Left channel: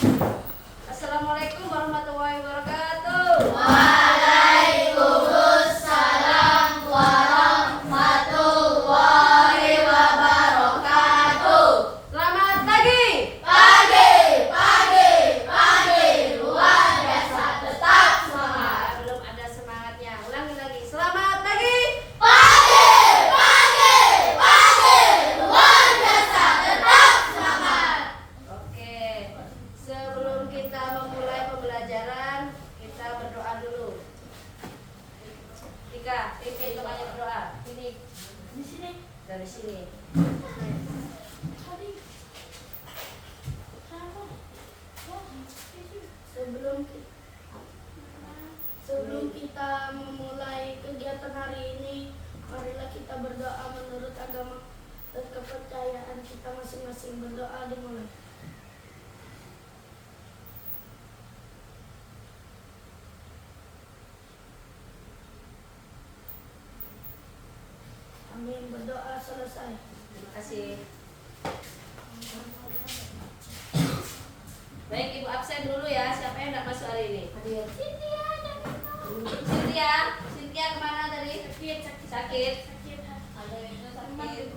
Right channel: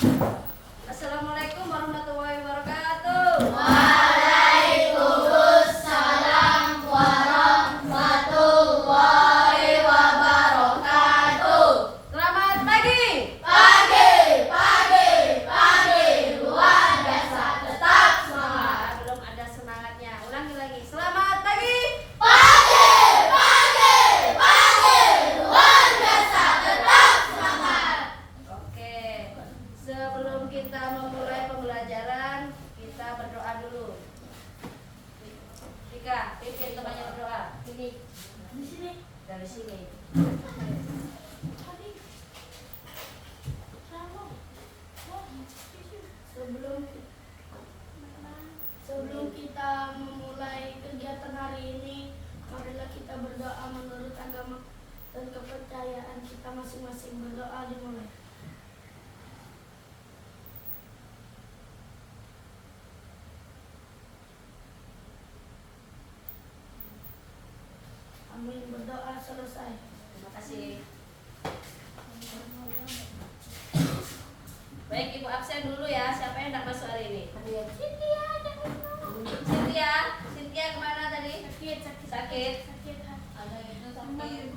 Assalamualaikum warahmatullahi wabarakatuh. Waalaikumsalam warahmatullahi wabarakatuh. Selamat pagi. Pagi, luar biasa, tetap semangat. Belum ada semangatnya. Ulangi lagi. Selamat pagi. Pagi, luar biasa, tetap semangat. Oke. Sebelum kita memulai pembelajaran, kita berdoa dulu. Ika, pimpin temannya berdoa. Ini Di sini. dari sini. Sebelum kita memulai kegiatan hari ini, marilah kita berdoa menurut agama dan kepercayaan kita masing-masing. Berdoa dimulai. Amin. Berdoa selesai. Terima kasih. Baik, Ibu absen dulu ya. Siapa yang tidak masuk hari ini? Cynthia kemana tadi? Sakit. Ada yang sakit.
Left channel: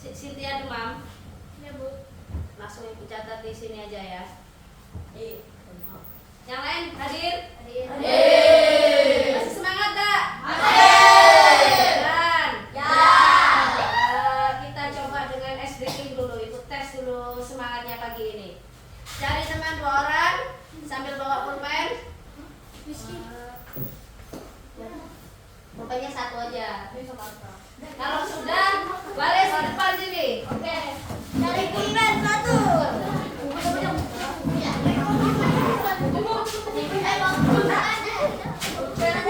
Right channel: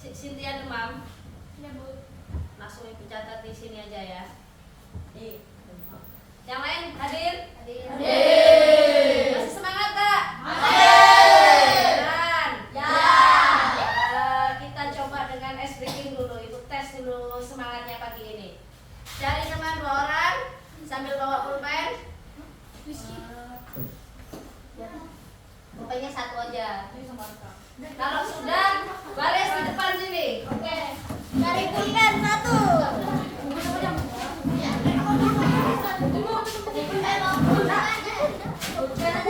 Cynthia demam. Ya, Bu. Langsung Ibu catat di sini aja ya. Yang lain hadir? Masih semangat tak? Beneran? Kita coba dengan ice breaking dulu. Itu tes dulu semangatnya pagi ini. Cari teman 2 orang sambil bawa pulpen. Pulpennya 1 aja. Kalau sudah, balik ke depan sini. Oke. Dari pulpen 1. Pulpen aja. Ada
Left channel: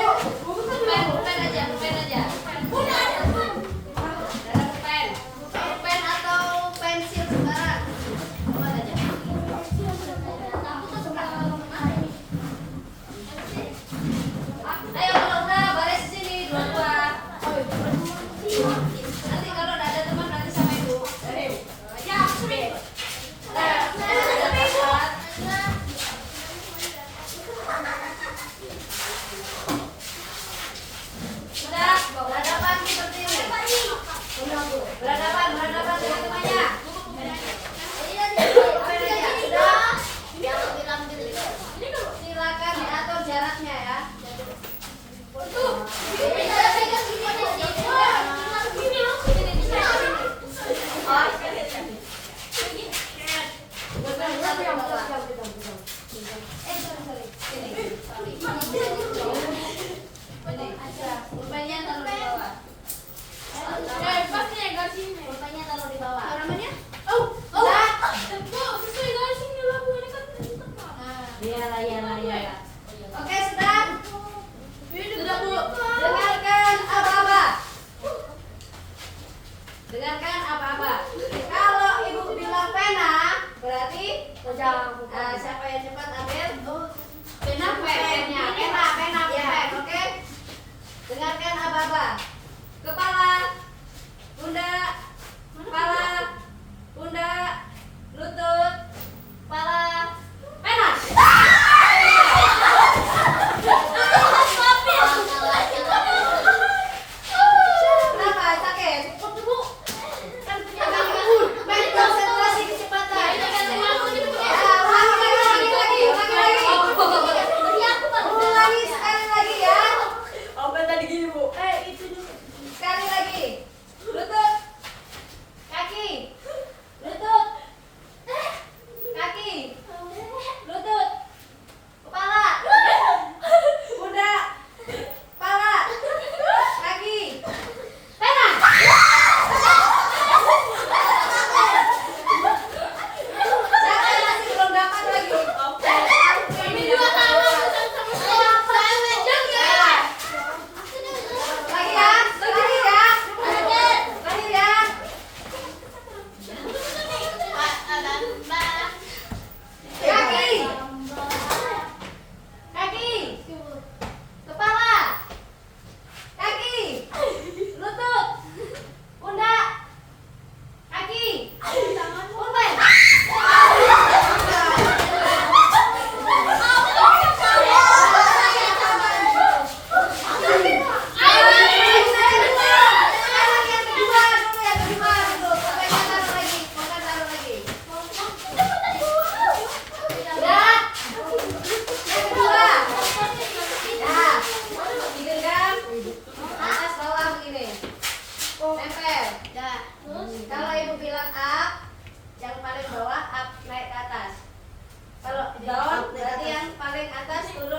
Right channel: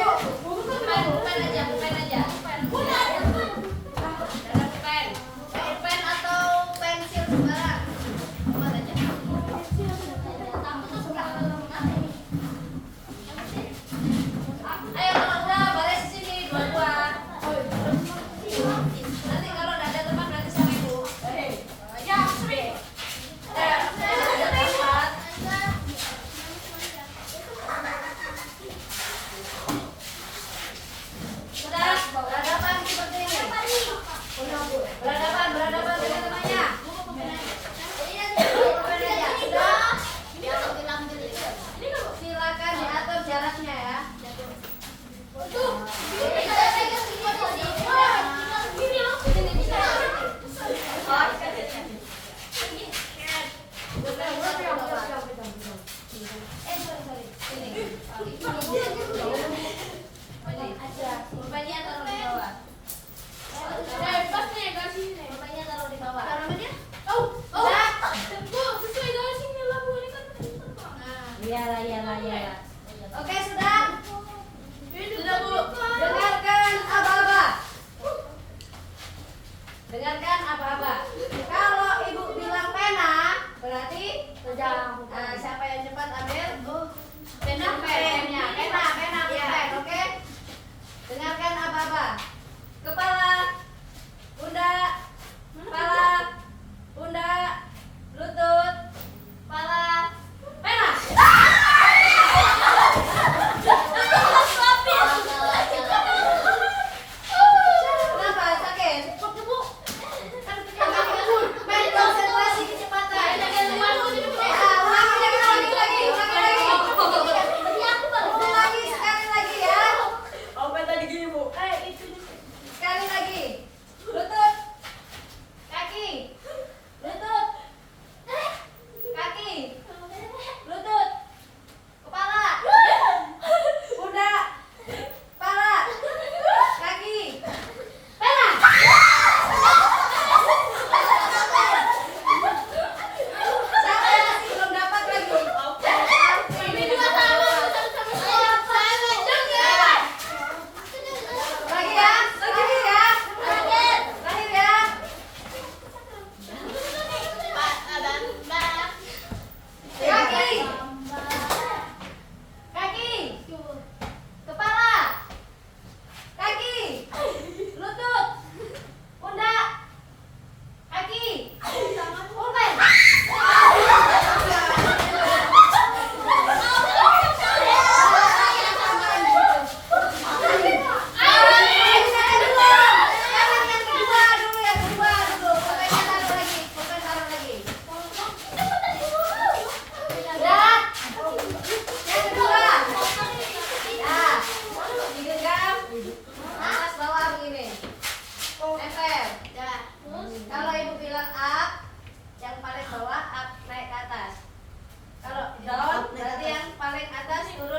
pulpen atau pensil sembarang. Buat aja. Ayo kalau udah balik ke sini 2-2. Nanti kalau udah ada teman nanti sama ibu. Ya, sini. Sudah berhadapan seperti ini. Berhadapan dengan temannya. Silakan diatur jaraknya ya. Pulpennya taruh di bawah. Pulpennya taruh di bawah. Iyalah. Oke, sudah? Sudah, Bu. Dengarkan apa-apa. Kalau Ibu bilang pena, berarti siapa yang cepat ambil? Pennya. Oke? Dengarkan apa-apa. Kepala, pundak, lutut, kepala, pena. Kenapa? Sakit? Main konsentrasi kecepatan. Ulangi sekali lagi ya. Sekali lagi. Lutut, kaki, lutut,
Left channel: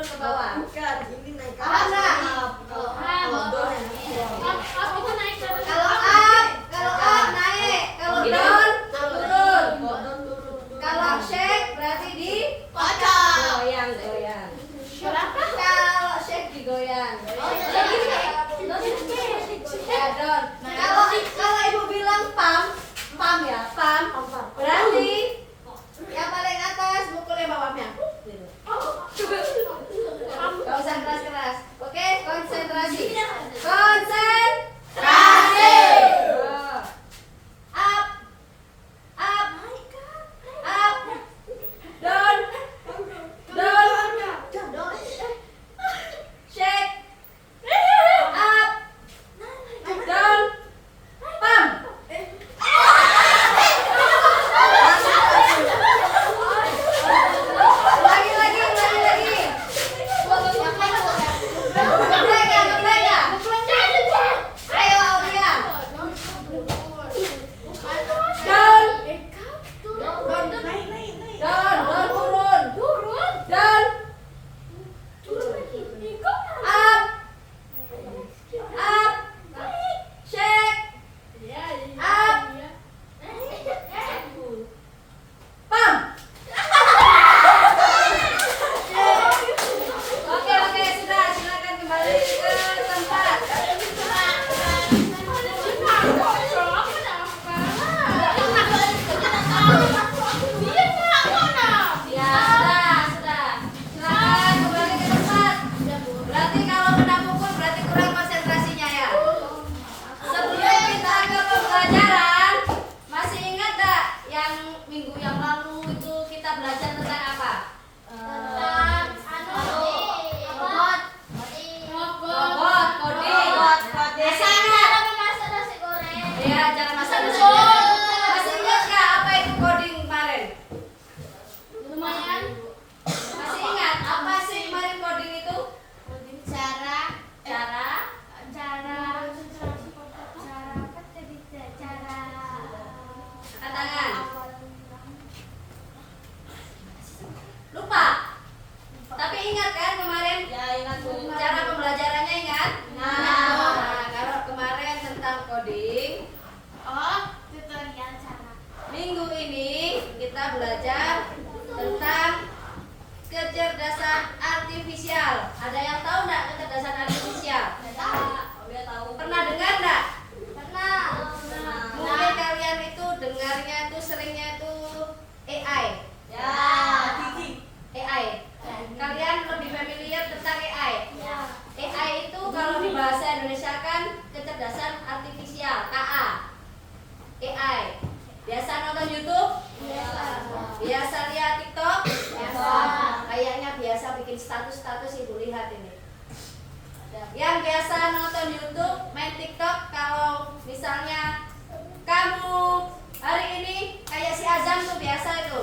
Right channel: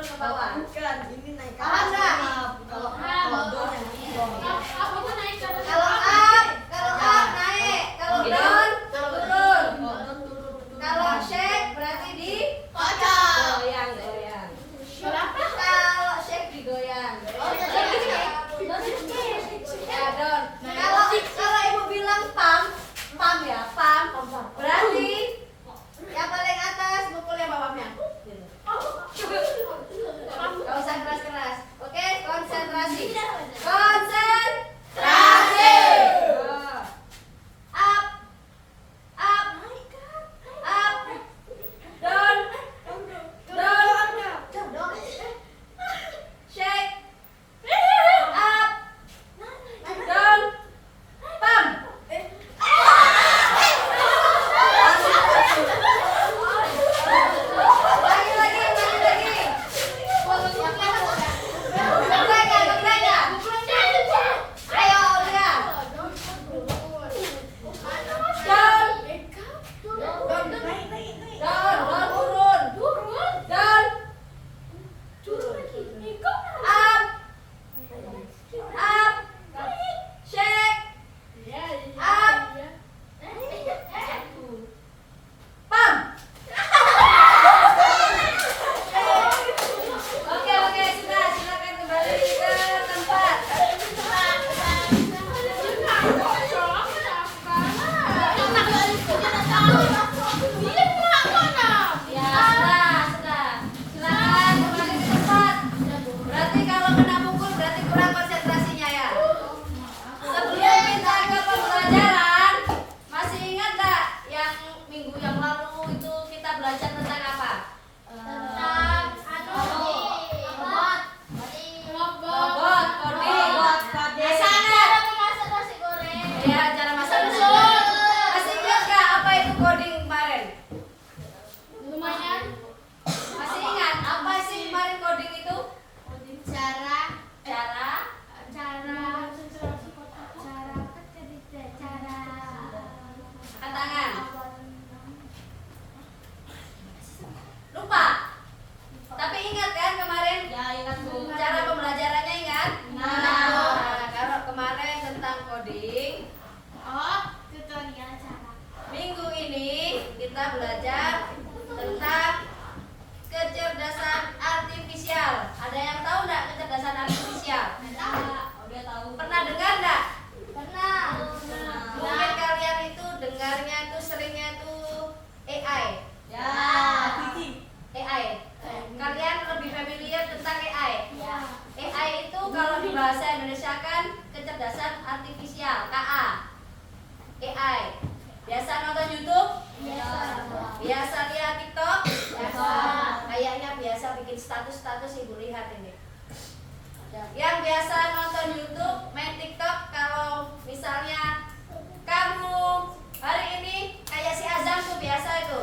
ke bawah. Bukan, ini naik ke Paham atas. nggak? Kalau down yang ke bawah. Apa itu naik ke atas? Kalau up naik, kalau down turun. Kalau shake berarti di goyang. Kalau shake digoyang. Ya, down. Kalau ibu bilang pam ya, pam. Berarti yang paling atas mukul yang bawahnya. Gak usah keras-keras. Oke, konsentrasi. Konsentrasi. Up. Down. Shake. Up. Down. Pam. Lagi. Ngeplay nggak? Ayo, Aulia. Down. Down turun. Down. Up. Shake. Up. Pam. Oke, sudah. Silakan kembali ke tempat. Ya, sudah. Silakan kembali ke tempat. Berarti kalau kena pukul berarti kurang konsentrasinya ya. Sebelum kita ke pembelajaran, masih ingat tak yang minggu yang lalu itu kita belajar tentang apa? Robot, coding. Masih ingat? Ya, cara masak nasi goreng. Masih ingat nggak apa itu coding kemarin? Lumayan. Masih ingat apa sih kemarin coding itu? Cara angkat tangan. Lupa. Tapi ingat kan kemarin? Ya, ingat Bu. Cara pembelajarannya ingat? Nah, kalau kemarin tentang coding, tutorial cara. minggu ini kita belajar tentang kecerdasan artifisial. Ada yang tahu nggak kecerdasan artifisial? Udah tahu. Pernah dengar nggak? Pernah. Mungkin kalian itu dengarnya itu seringnya itu AI. Ya, Kiki. AI. Kalian lebih familiar tentang AI. Ya. AI itu kalau di bahasa Indonesia kan kecerdasan artifisial, KA. AI. Biasa nonton YouTube? Biasa lihat TikTok? Kayaknya biasa bikin status ibu lihat ini. Yang biasa nonton YouTube, main TikTok, kalau misalnya kamu hari ini kayak si Azam tuh biasa itu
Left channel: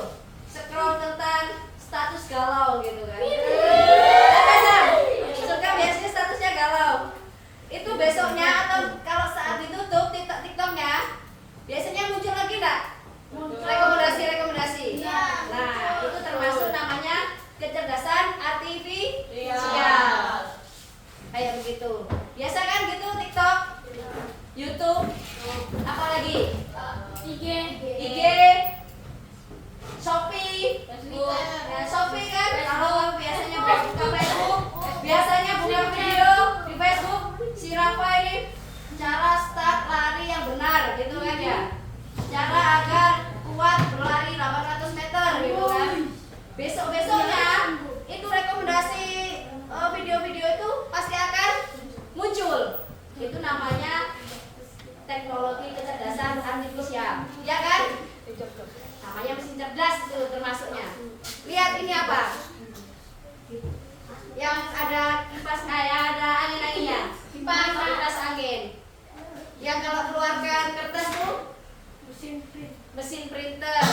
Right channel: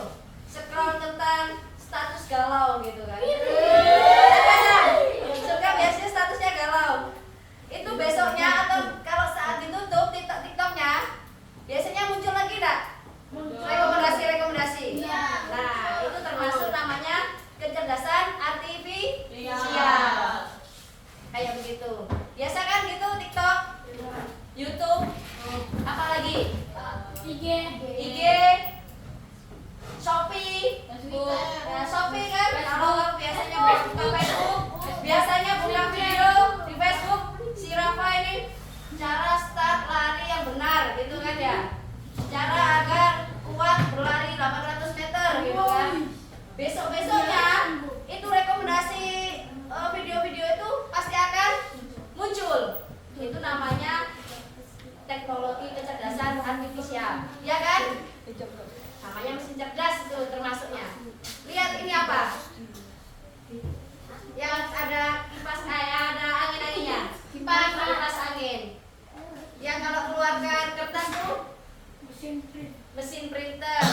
scroll tentang status galau gitu kan. Azam, suka biasanya statusnya galau. Itu besoknya atau kalau saat ditutup TikToknya, biasanya muncul lagi enggak? Rekomendasi. Nah, itu termasuk namanya kecerdasan artifisial. Kayak begitu. Biasa kan gitu TikTok, YouTube, apalagi IG, Shopee, ya Shopee kan. Kalau biasanya buka Facebook, biasanya buka video di Facebook. Si Rafa ini cara start lari yang benar, gitu kan ya. Cara agar kuat berlari 800 meter, gitu kan. Besok-besoknya itu rekomendasi video-video itu pasti akan muncul. Itu namanya teknologi kecerdasan artifisial, ya kan? Namanya mesin cerdas itu termasuknya. Lihat ini apa? Yang ada kipas, ada angin-anginnya. Kipas angin. Yang kalau keluarkan kertas tuh mesin printer.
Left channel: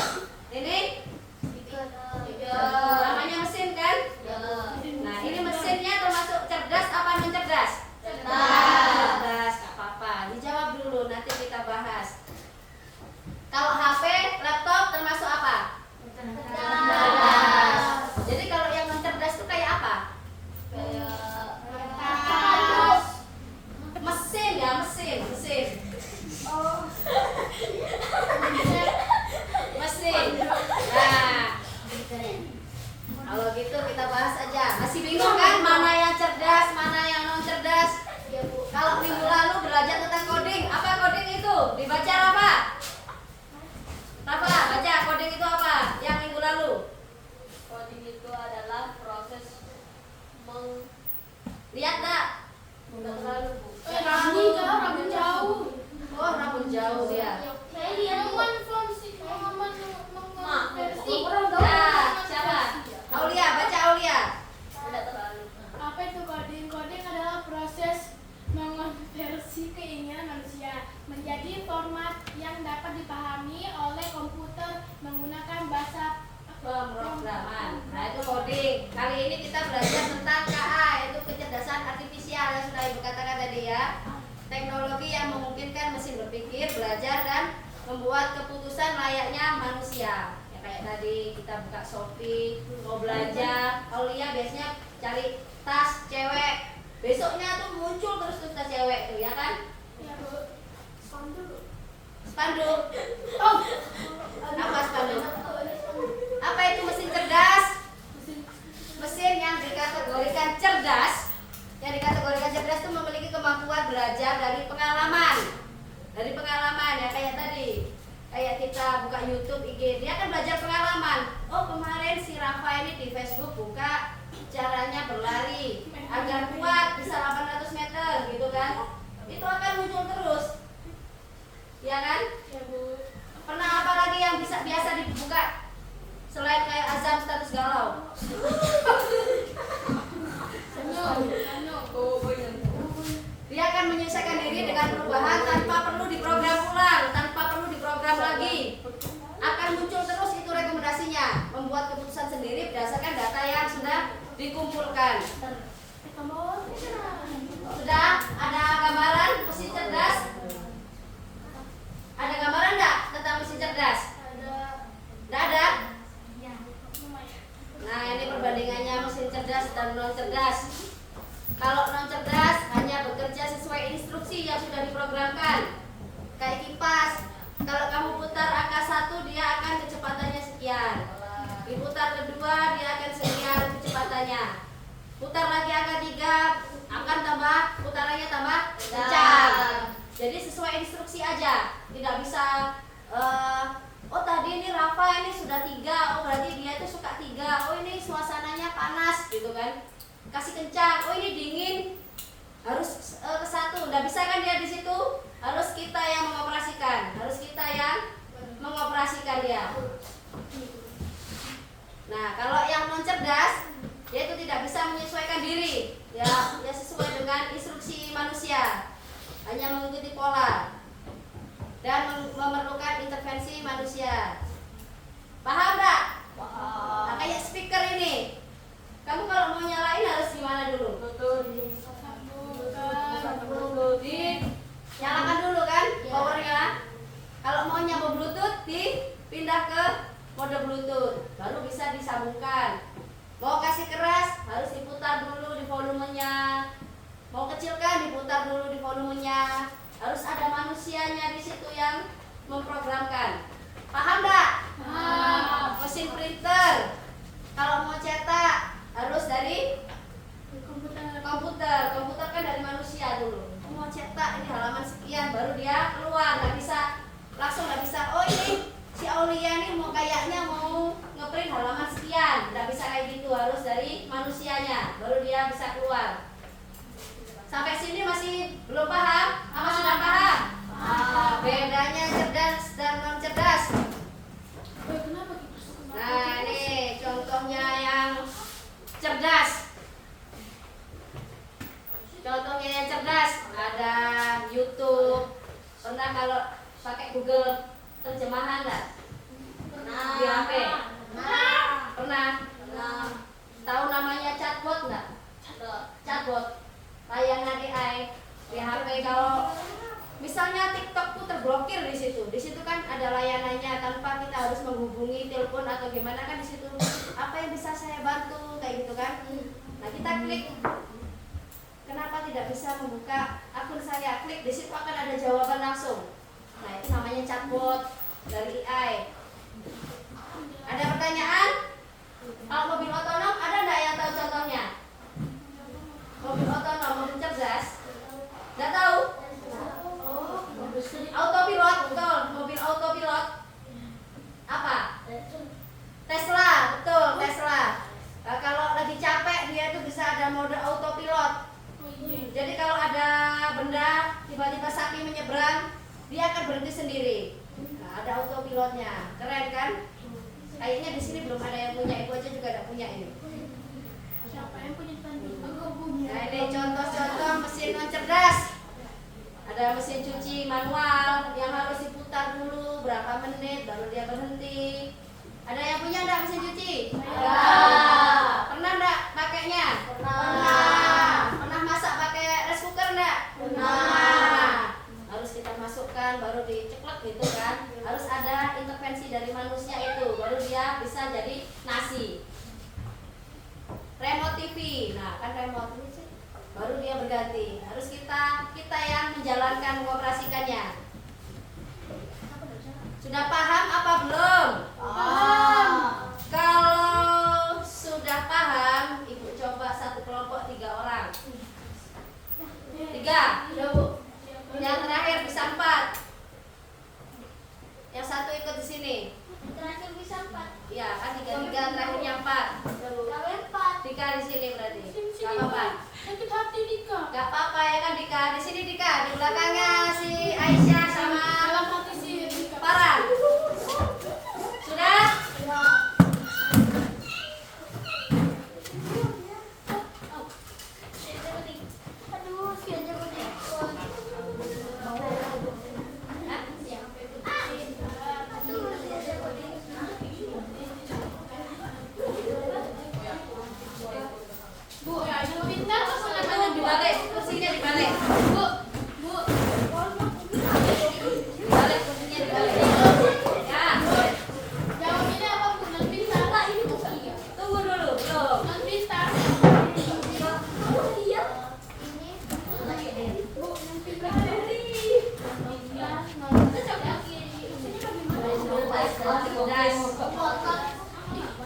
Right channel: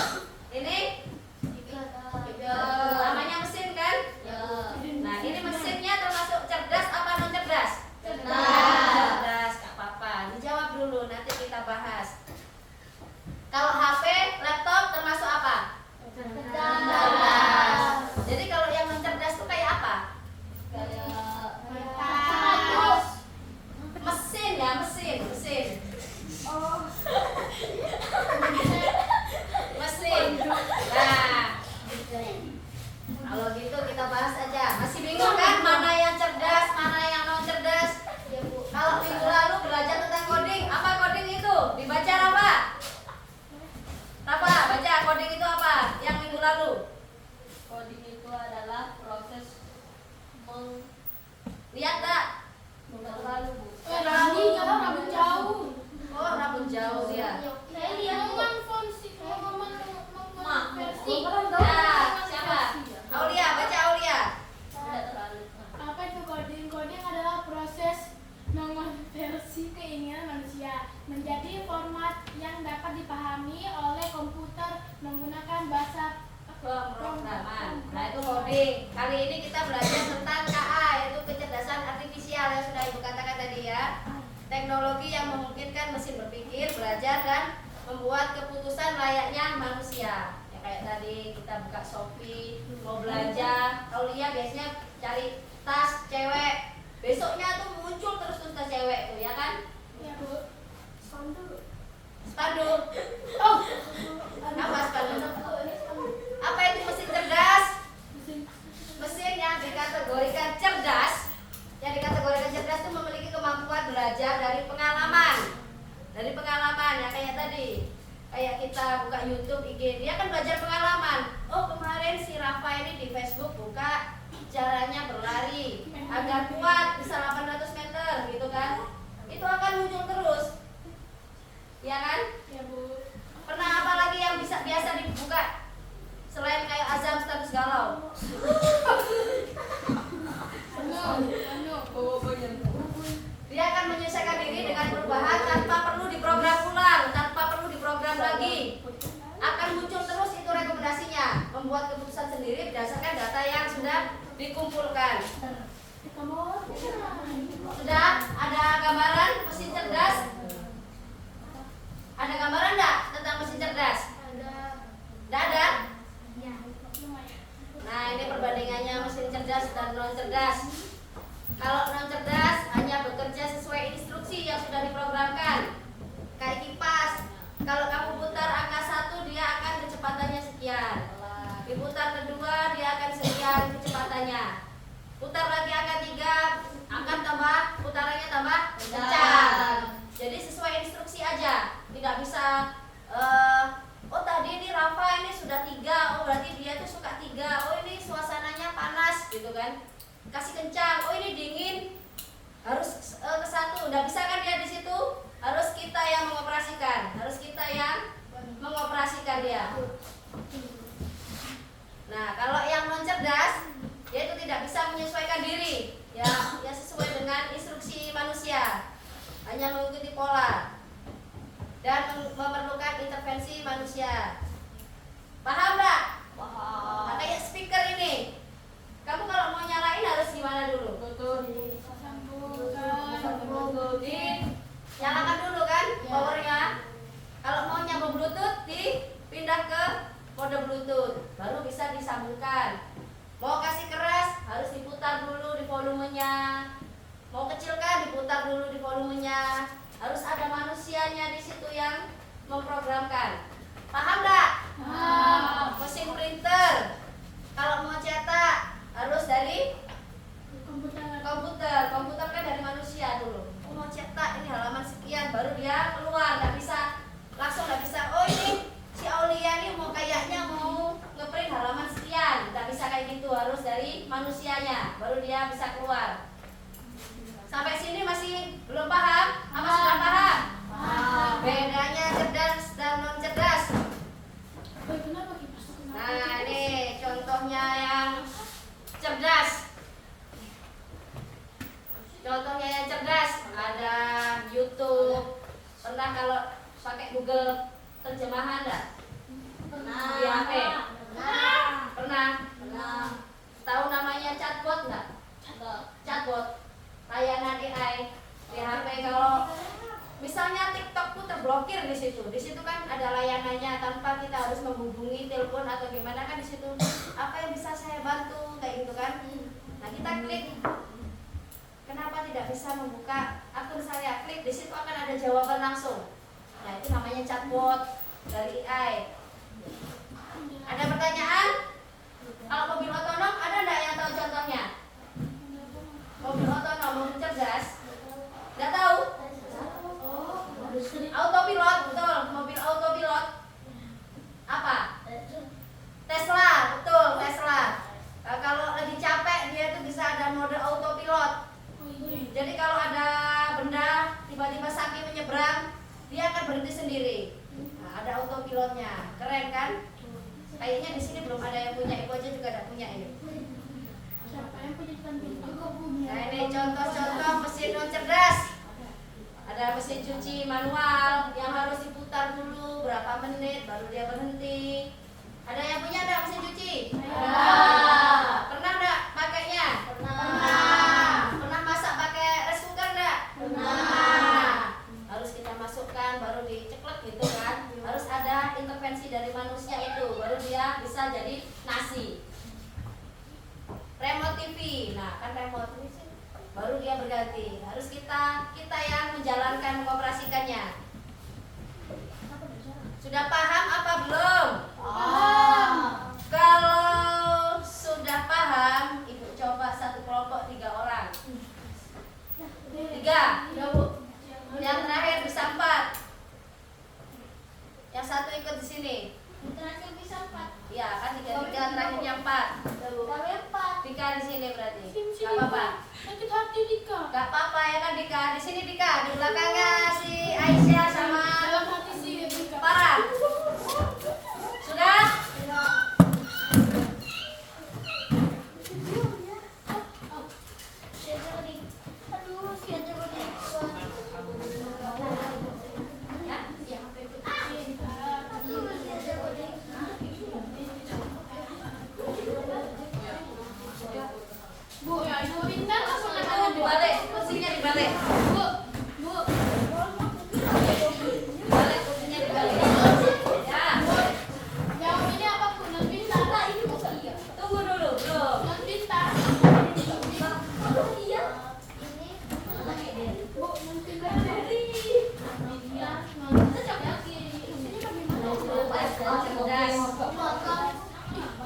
Ini namanya mesin kan? Nah, ini mesinnya termasuk cerdas apa non cerdas? Cerdas, gak apa-apa. Dijawab dulu, nanti kita bahas. Kalau HP, laptop termasuk apa? Cerdas. Jadi kalau yang non cerdas itu kayak apa? Kalau gitu kita bahas aja. Masih bingung kan mana yang cerdas, mana yang non cerdas? Ya Bu. Kalau minggu lalu belajar tentang coding, apa coding itu? Dibaca apa? Apa? Baca coding itu apa? Yang minggu lalu? Coding itu adalah proses Lihat tak? Enggak terlalu, Bu. Rambut jauh. Oh, rambut jauh dia. Saya lihat versi. Ya, siapa? Aulia, baca Aulia. Tidak terlalu. Apa itu coding? Coding adalah proses mengonversi keinginan manusia menjadi format yang dapat dipahami oleh komputer menggunakan bahasa Pemrograman. Nah, itu coding. Kali ini kita belajar tentang KA, yaitu kecerdasan artifisial yang sudah Ibu katakan tadi ya. Teknologi yang memungkinkan mesin berpikir, belajar dan membuat keputusan layaknya manusia. Ya kayak tadi kita buka Shopee, mau belanja, Aulia biasanya cari tas cewek. Besoknya tuh muncul terus tuh tas cewek tuh, ya kan? Ya Bu. Spanduk. Oh, apa spanduk? Apa itu mesin cerdas? Mesin yang dikategorikan cerdas, yang dikategorikan cerdas itu memiliki kemampuan belajar dari pengalaman. Dari pengalaman ya kayak tadi. Kayak kita buka YouTube, IG, dia kan belajar pengalaman. Oh, kemarin si Rafa ini di Facebook buka caranya berlari agar kuat bisa 800 meter gitu kan. Itu akan muncul terus. Ya kan? Ya Bu. Pernah apa lagi yang biasa dibuka selain kayak azam status galau? Dia akan menyesuaikan diri dengan perubahan tanpa perlu diprogram ulang, tanpa perlu diprogram lagi. Akan muncul terus itu rekomendasinya, membuat keputusan sendiri berdasarkan data yang sudah dikumpulkan. Sudah ada gambaran mesin cerdas? Ada gambaran enggak tentang mesin cerdas? Enggak ada? Nah, ini perbandingannya mesin cerdas dan non cerdas. Kalau non cerdas hanya bekerja sesuai instruksi yang sudah diprogramkan. Kayak kipas. Kalau kamu putar angka 1, dia akan kecepatannya sekian. Diputar kedua, dia akan sekian kecepatannya. Putar lagi angka 3, akan tambah putarannya tambah kencang. Jadi sesuai instruksi aja. Tidak bisa oh tadi ini Rafa ini sudah 3, oh berarti dia itu suka 3. Oh ini suasananya panas gitu kan. Kasih kencang. Oh ini dingin. Harus ke 1. Nggak bisa kan dia di situ? Harus kita yang mengoperasikan. Harus kita yang mengoperasikan dia. Nah, kalau yang non cerdas, dia itu tidak bisa menyesuaikan diri. Ya sesuai dengan instruksi manusia. Hanya mengikuti pola dan memerlukan intervensi manusia. Paham nggak? Nah, kayak speaker ini, kamu kalau mau nyalain harus gimana dulu? Nyalakan dulu kan powernya. Kalau mau nyambung bluetooth, dipindah ke mode bluetooth, baru bisa disambungkan. Mau kasih keras, harus diputar dulu di volumenya. Mau kecilkan, diputar dulu di volumenya. Harus ada manusianya di situ yang memprogramkan. Paham nggak? Mesin printer, kalau mau cetak harus dari komputer. Komputer kan dari manusia dulu. Mau cetak ini halaman sekian, baru dia keluar. Nggak bisa langsung, nggak bisa. Oh ini si Aulia nih kayaknya mau ngeprint halaman sekian. Nggak bisa kayak gitu, harus dari manusianya, baru dia bisa keluar. Sampai sini masih belum paham? Apa sudah paham? Bedanya cerdas dan non cerdas. Nah ini contohnya yang cerdas. Contohnya yang cerdas ada YouTube. Pernah kalau pakai Google terjemahan enggak? Di HP? Pernah? Tahu namanya chatbot enggak? Chatbot. Layanan AI di HP. Kalau misalnya TikTok tuh terblokir di situ. Di situ kan ada layanannya tanpa kita harus menghubungi telepon atau gimana kan di situ. Apa yang bisa saya bantu kayak gitu kan? Nah, kita klik. Kenapa tidak bisa membuka akun saya? Klik di situ akan ada jawaban langsung. Nah, itu namanya chatbot dari AI. Ada pertanyaan? Kalau mobil punya ini. Siapa yang punya tandu? Aku punya. Nah ini contoh-contoh mesin non cerdas. Ada mesin cuci manual yang harus diputar dulu berapa menit baru dia berhenti. Ada yang punya enggak mesin cuci? Ada. Pernah enggak pakainya? Pernah. Pernah masak pakai rice cooker enggak? Pernah. Harus kita masukkan baru diceklek gitu kan. Harus ada intervensi dari manusia itu baru dia bisa jadi nasi. Remote TV. Nah, kan remote ini sih baru dia berganti. Harus kita yang menjalankan mengoperasikannya. Sudah paham apa belum? Paham. Kalau sudah paham, Ibu coba satu kelompok 3 orang. 3. Yang terakhir bisa 4. Yang satu ikut di sini. Terakhir bisa 4. Iya, kan 3 terakhirnya 4. Kalau 4. Dika di sini berarti. Sini, Gak apa-apa. Sakit hati Dika. Gak apa-apa ya kan Dika. Di sini Dika, di belakangnya si Aisyah sama Dalam hati sih Dika. Farah. Sudah? Bu, Ibu pintar masuk ke mana Bu? Dibalik, kursinya dibalik. Bu, Bu. Dibalik, kursinya dibalik. Ya. Jawab ini apa Bu? Non pintar. Tunggu dulu, belum. Non pintar. Bu, non pintar.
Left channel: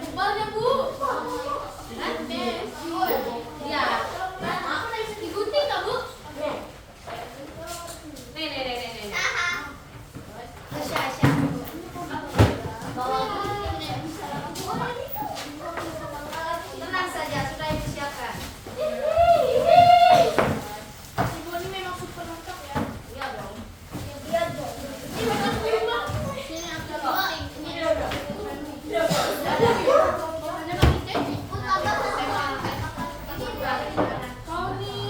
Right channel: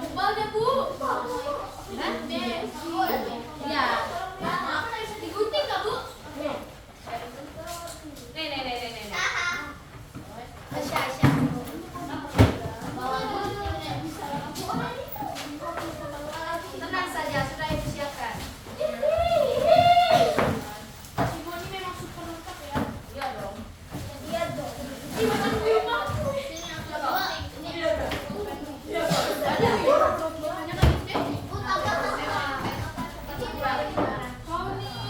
Ibalnya Bu. Ya. Ikutin nggak Bu? Nih. Tenang saja, sudah Ibu siapkan. Ibu ini memang super lengkap ya. Iya dong. Ini memang rumah. Hanya kami teknik. Kau nih.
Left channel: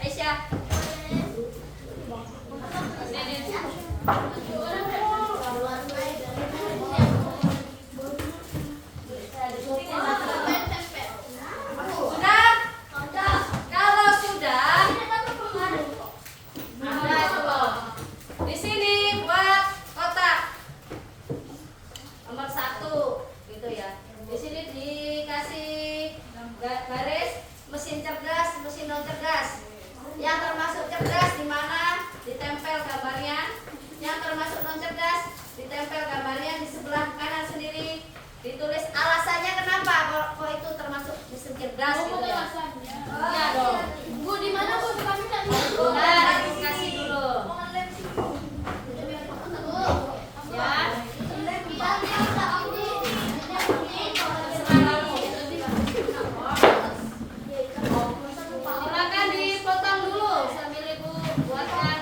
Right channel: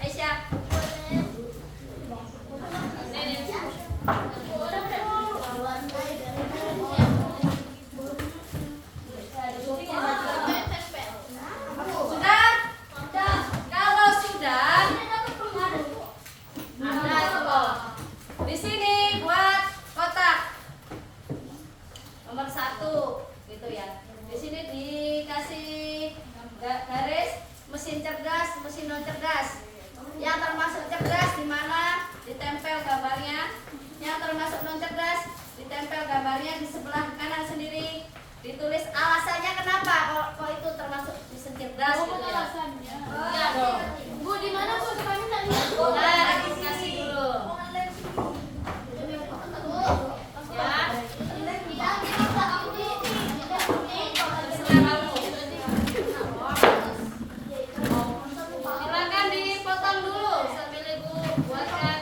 Aisyah. Sudah? Kalau sudah, nah tuh. Di sini buat kotak nomor 1 gitu ya. Di sini dikasih garis mesin cerdas, mesin non cerdas. Yang termasuk cerdas di mana ditempel gambarnya. Yang termasuk non cerdas ditempel gambarnya di sebelah kanan sendiri. Ditulis alasannya kenapa kok itu termasuk mesin cerdas Oh, gitu ya. alasannya. Iya dong. Bu, di mana Bu? Kami tak lihat Bu. Nah, dikasih dulu. Ya. Terserah kamu. Silakan dipotong dulu sambil Ibu buatkan.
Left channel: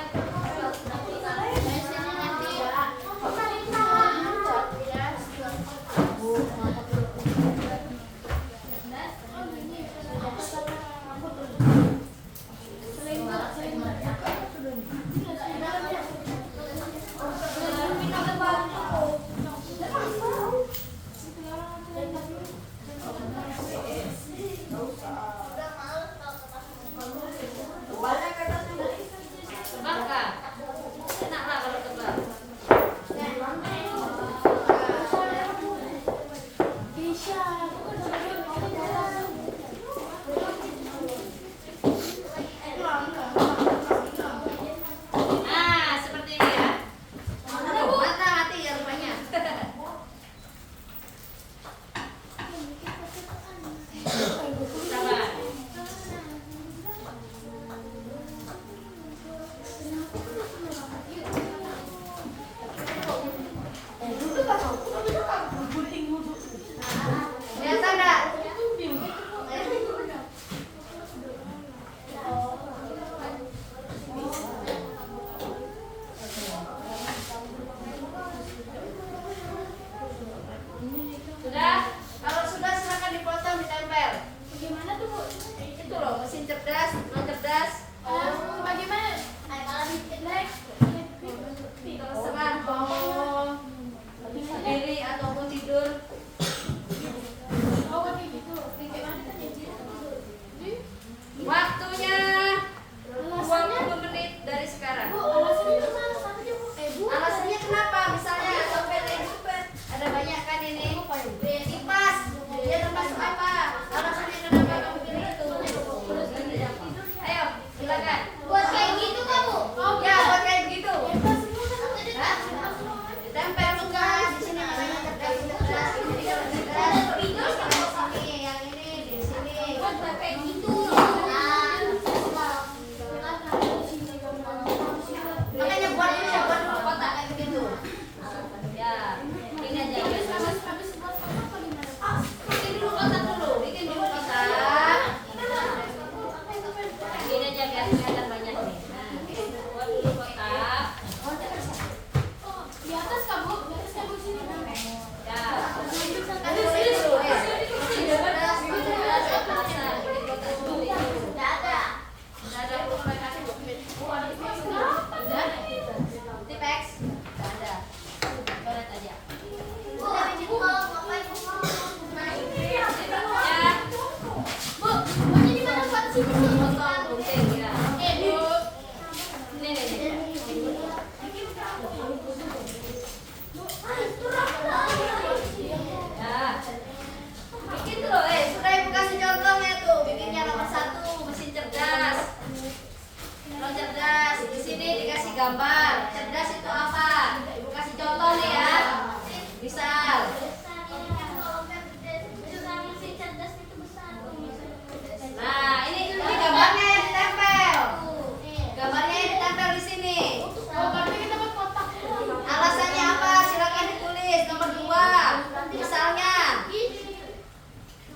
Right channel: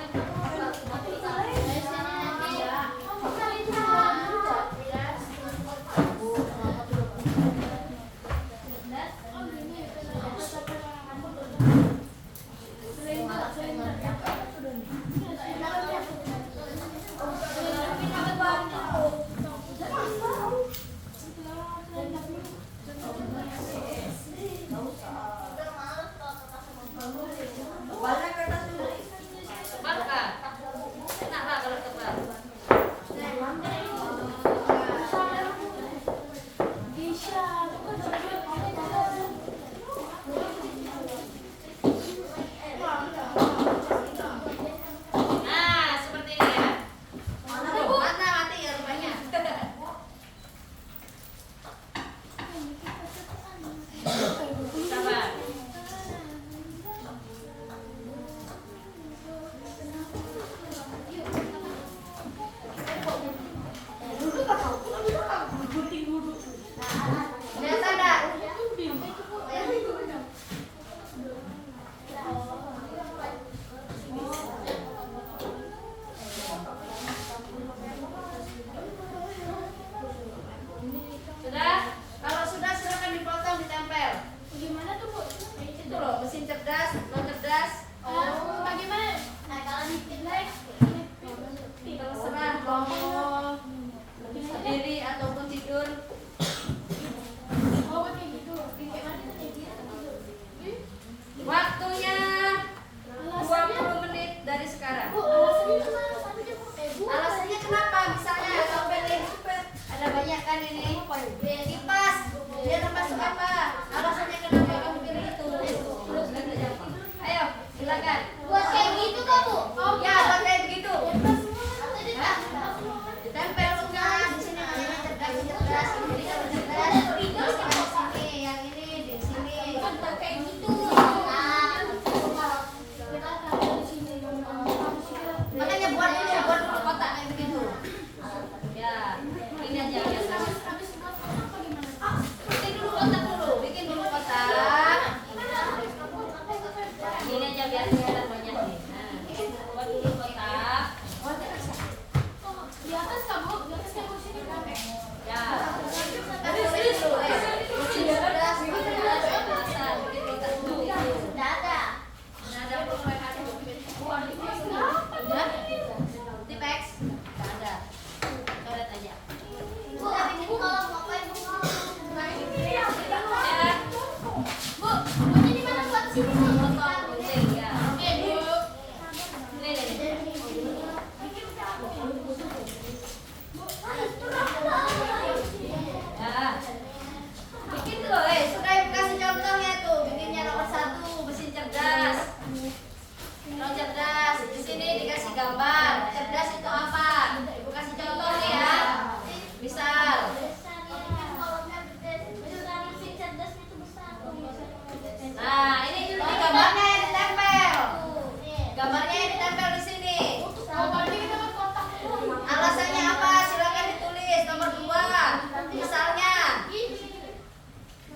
nomor 2.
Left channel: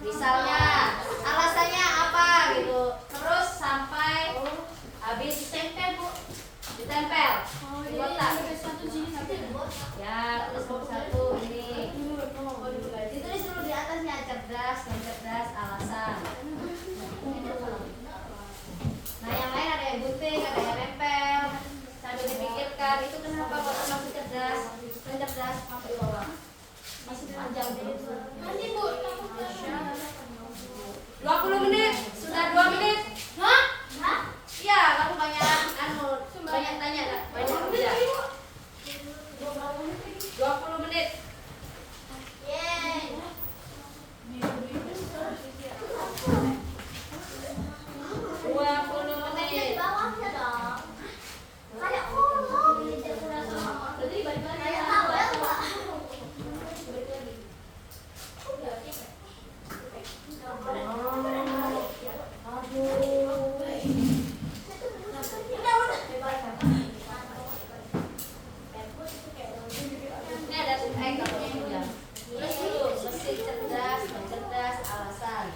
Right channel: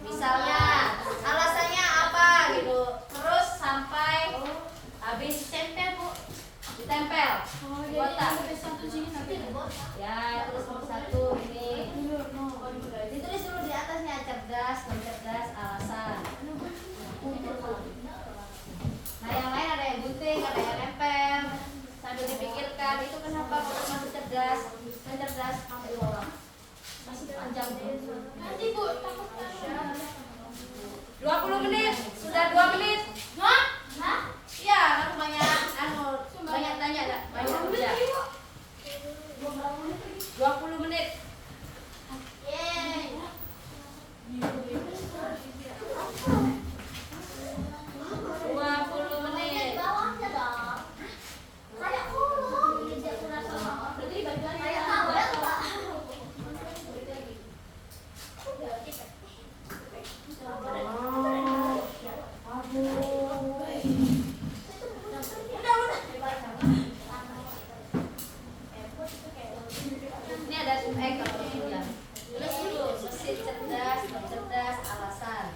Misalnya alasannya apa gitu. Terus sampai habis ditempel. Kotak. Ya, terus nomor 1 ini. Ditulis dulu di atasnya cerdas, non cerdas, alasan. Nah, yang lain ada yang gunting, ada yang nempel. Sambil dipikirkan itu kenapa kok masih cerdas, non cerdas, masih panjang. Nanti Bu. 20 menit, sudah 2 menit. Hah? Iya, kamu banyak banyak tanya enggak? Banyak kerja. 20 menit. Yeay. 20 menit. Bawahnya dong. Kayak kayak kabel, Pak. Ini ada kalau sudah. Terus dulu mesin cerdas, non cerdas, alasan.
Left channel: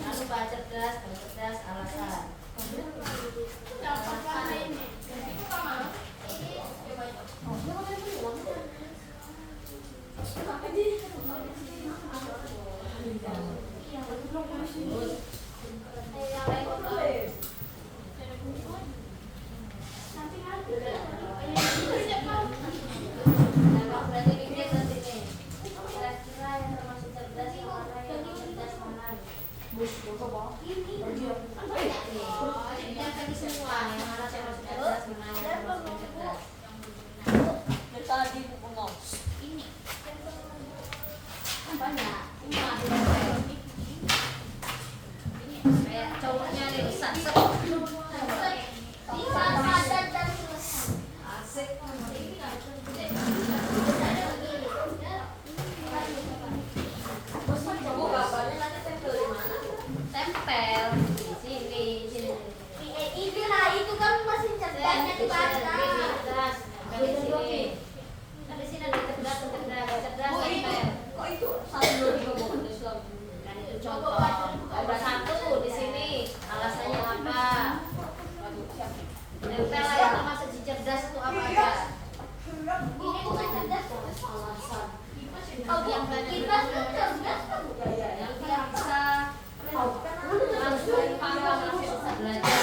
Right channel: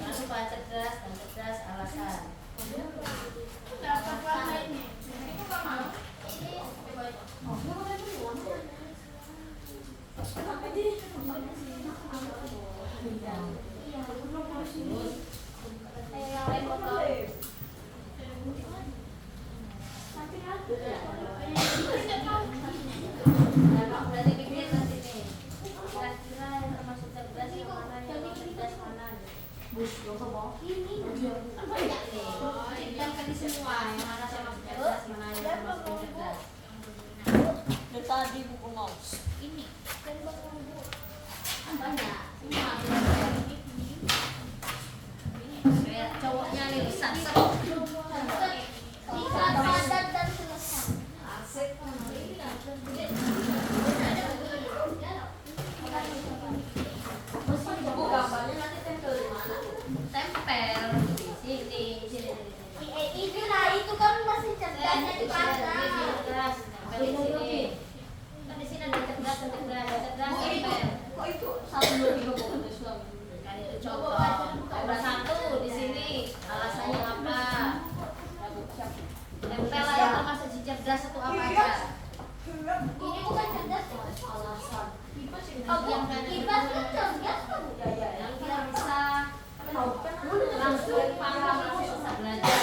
Jangan lupa cerdas, non cerdas, alasan. Udah dipikir nanti nih. Kira-kira yang termasuk cerdas mana, yang non cerdas mana? Kan tadi semua yang mana termasuk cerdas, mana yang termasuk non cerdas. Ini. Banyak, semua kayak cowoknya nih bisa. Padat dan selesai. Asik. Bu, gambarnya nanti tempel di mana? Tempel di sini. Ini lah itu kan masih cerdasnya di Cerdas, batas. tempel di sini. Kan di sini ada cerdas, cerdas, tempel. Kok itu 1, 2, 3 kok ada Islam? Kan itu contoh. Ada 1 di sini. Alasannya apa? Tempel aja termasuk si cerdas itu apa aja? Ini bukan cerdas. Alasan. Oh, Yang kipas kan cerdas kan? yang dia bisa langsung paham, langsung bisa belajar.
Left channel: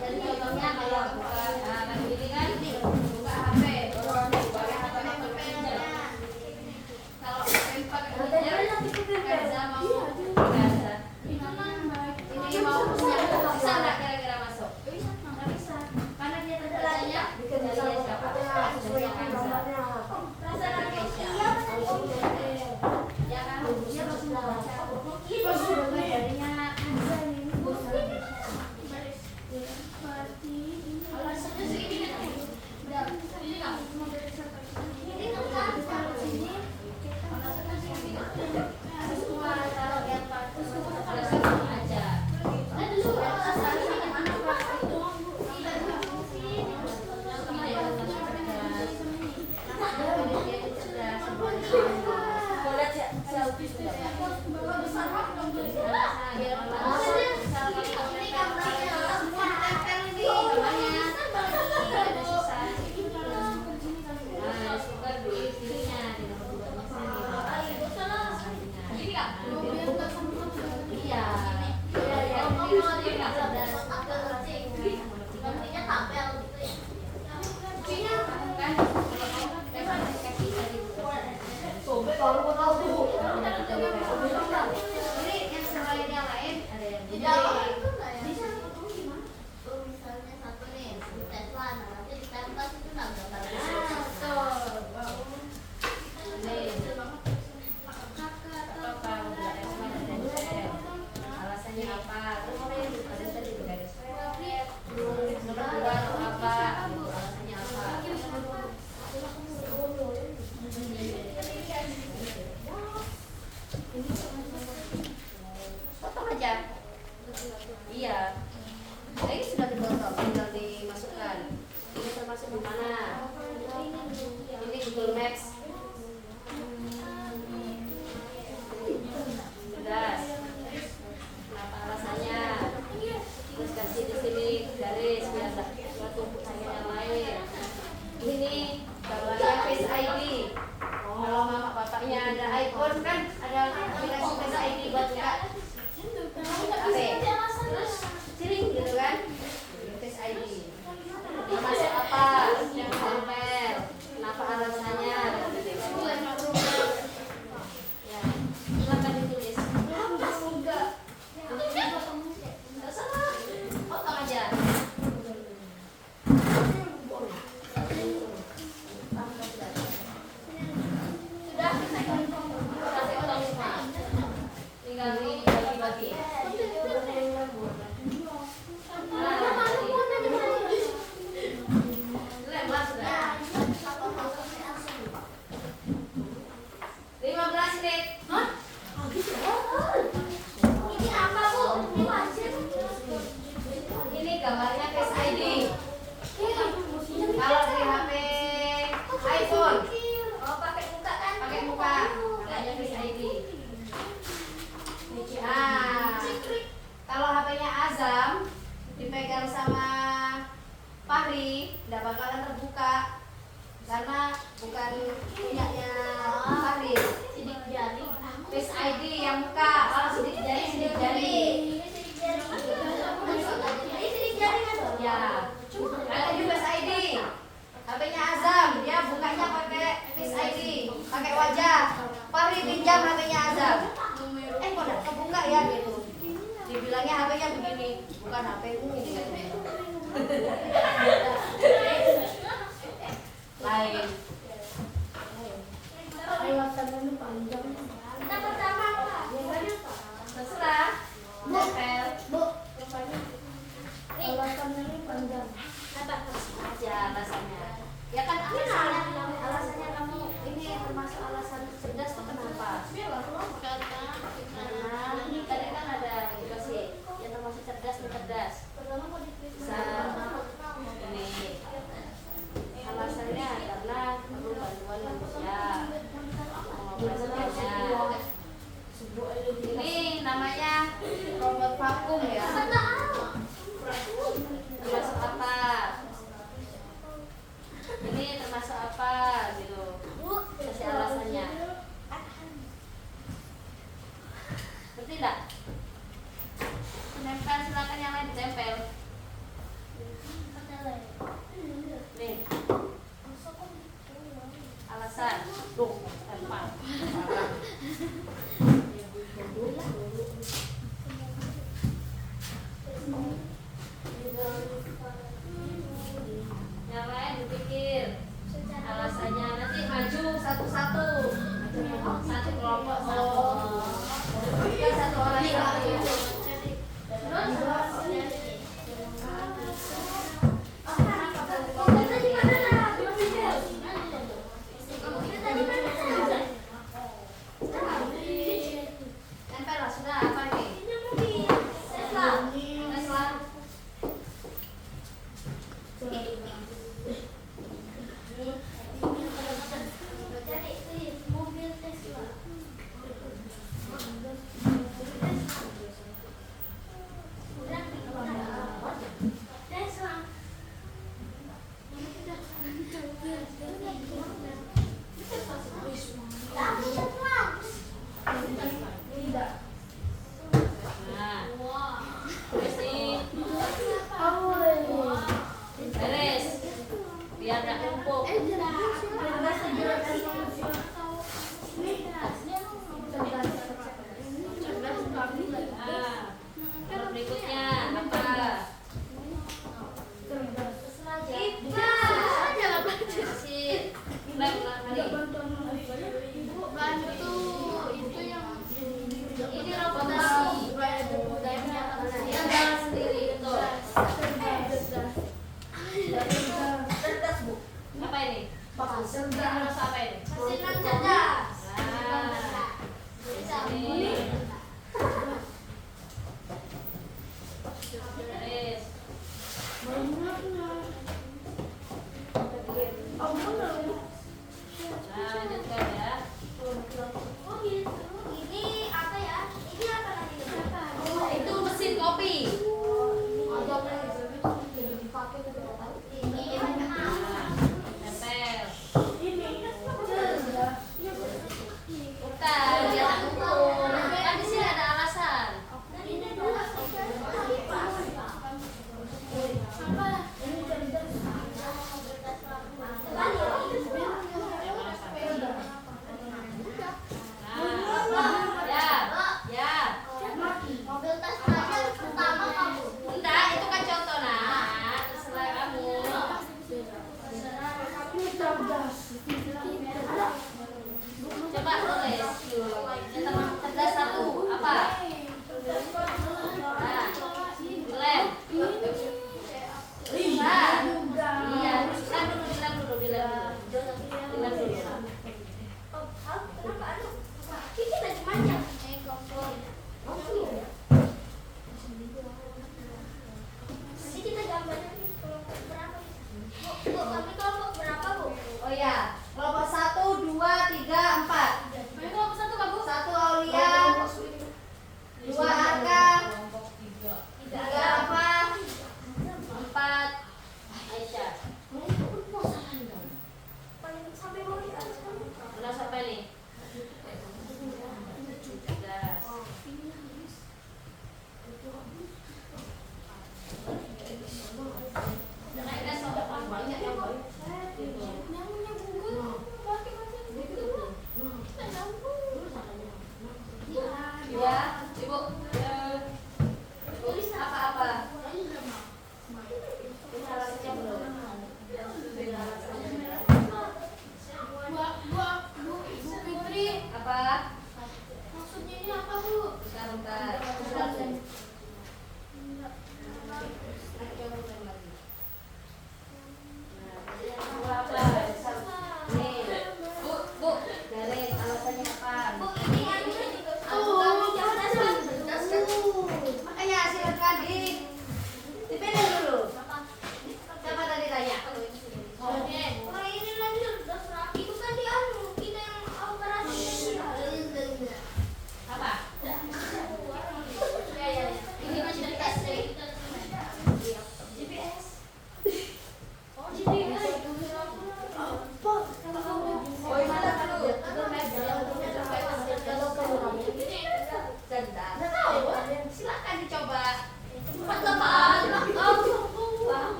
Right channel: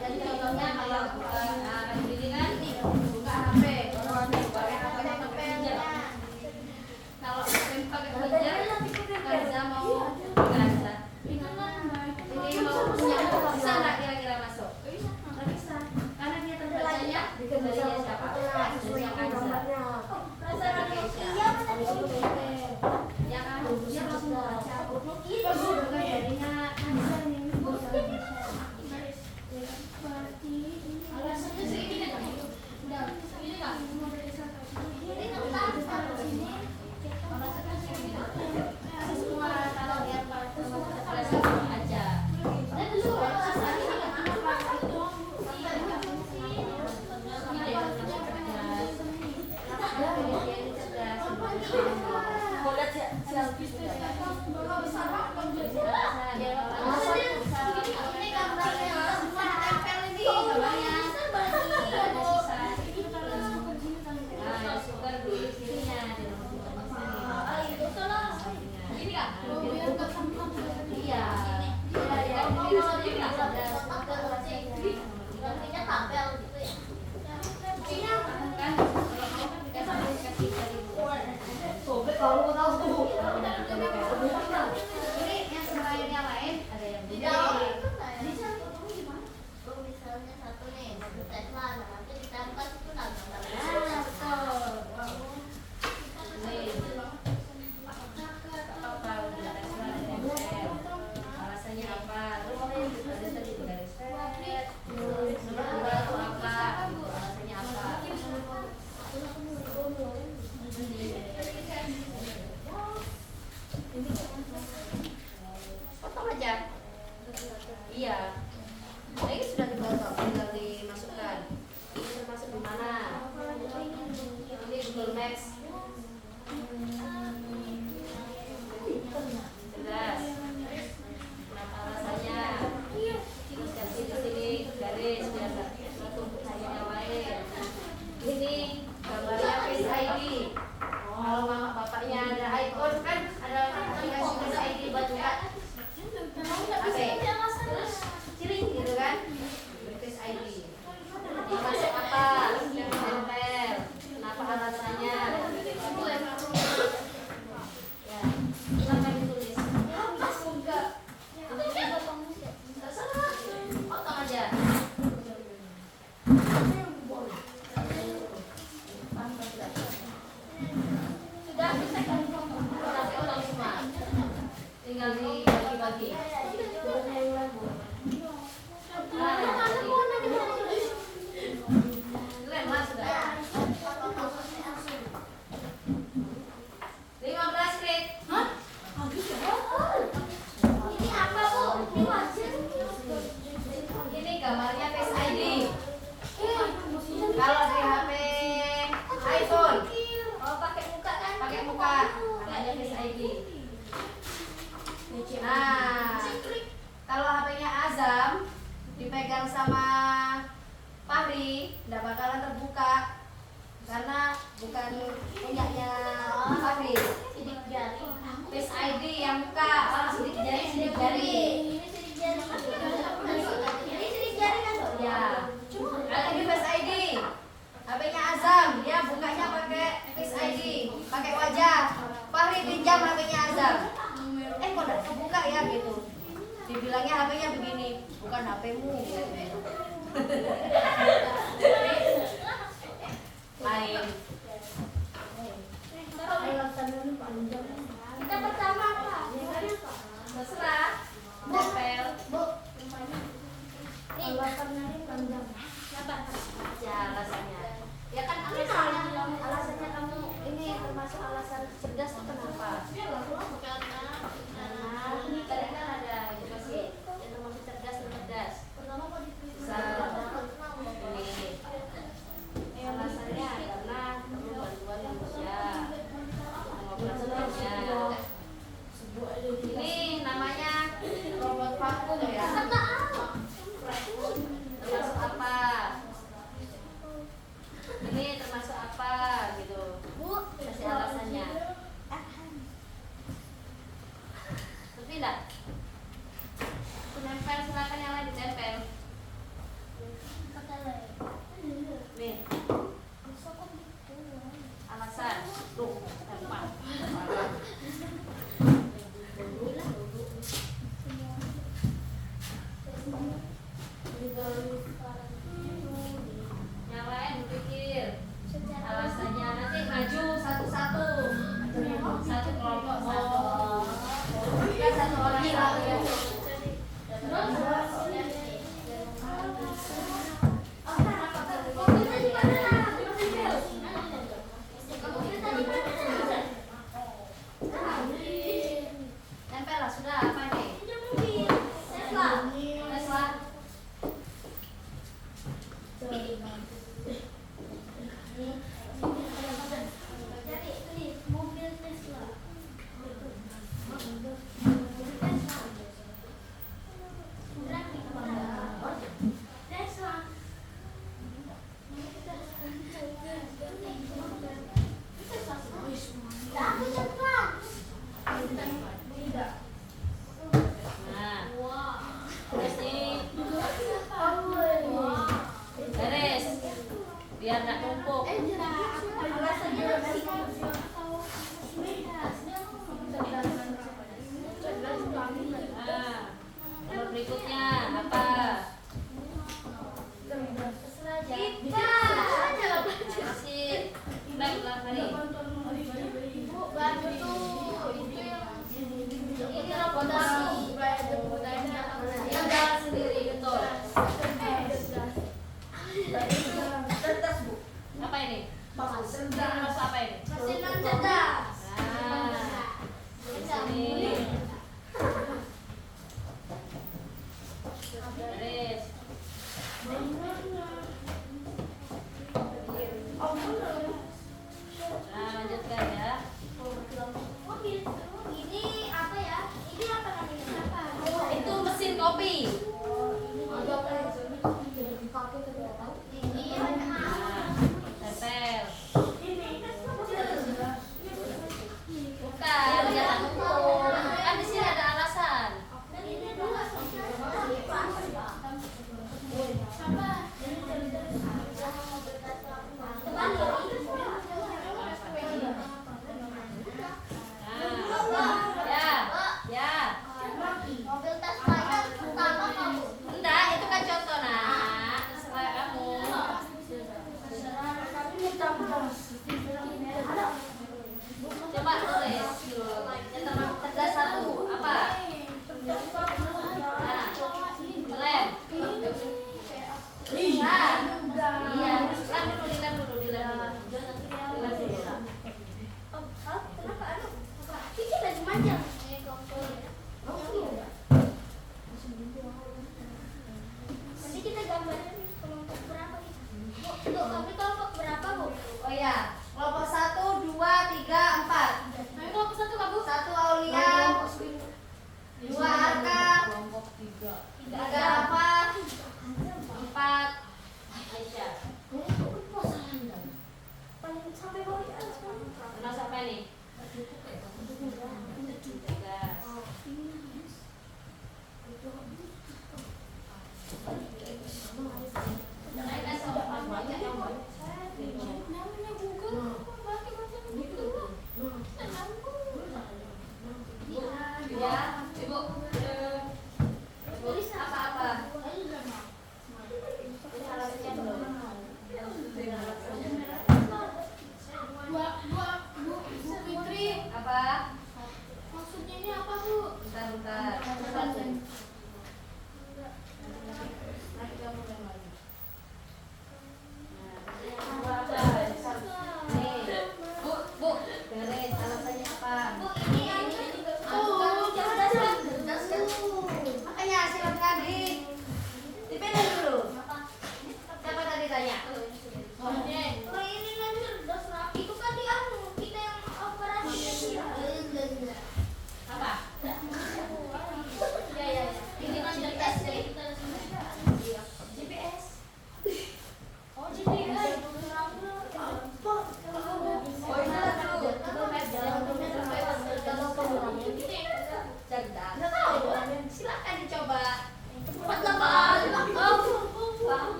Jadi contohnya kalau kayak gini kan, buka HP, pakai HP pinjam. Kalau pakai pinjam, Gaza mau Gaza. Ini mau punya, bisa nggak kira-kira masuk? Nggak bisa. Ini gambarnya Face ID. Kalau mama bapaknya ada iPhone kan ada aplikasi Face ID buat buka HP. Ciring gitu kan? Face ID. Masuk apa? Tempel. Kenapa alasannya? Ya, silakan ditulis. Terserah. Potong aja. Sudah potong semua. Tinggal dibagi-bagi. Lempar sudah. 15 menit. Ini apa bu? Ini wajib. Ini gambarnya Face ID. Kalau di HP iPhone, Oh pakai muka kan? pakai muka, namanya Face ID. Nah, kalau HP-nya Azam dipegang sama Fahri, tidak bakalan terbuka karena bukan punyanya Fahri. Sidik jari. Face ID yang muka, sidik jari, sidik jari. Ini sidik jari. Ini sidik jari kan? Ya, kalau ini Face ID, HP-nya Azam, dia bukanya pakai Face ID, pakai wajah. Fahri pinjam HP-nya Azam. Kok tidak kebuka ya gitu. Dibilangnya HP-nya begini, bukan HP-mu. Lain. Alasannya panjang. Kita pertama apa? Terserah. Tempel. Alasannya panjang. Apa? Aja alasannya. Ya kan alasannya kamu ini termasuk alasan cerdas tuh kenapa? Karena tadi kan ada edukasi yang termasuk cerdas dan cerdas. Bisa ini alasannya karena perlu bantuan manusia mengoperasikannya. Ini namanya robot vakum ya. Termasuk apa? Ini termasuk apa gitu? Kasih alasannya. Ngerti tidak? Tempel, silakan yang lain ditempel. Nih. Alasan. Tuh, tempel. Yang lain berpikir alasannya, nanti maju satu-satu. Satu kelompok satu. Ya, satu orang satu. Tempel lah sudah apa ini? Tesla. Nah, terus ini beres biar nggak numpuk. Nah, nomor berikutnya apa? Masih baik tadi. Ini robot vakum. Dia jalan sendiri betul. Cerdas bu. Apa ini? Terus apa ini? Mesin non cerdas. Nah, di sini. Beres. Nah, lanjutkan ya. Ini apa ya? Ini apa tadi? Itu mesin kopi. Ini Nah,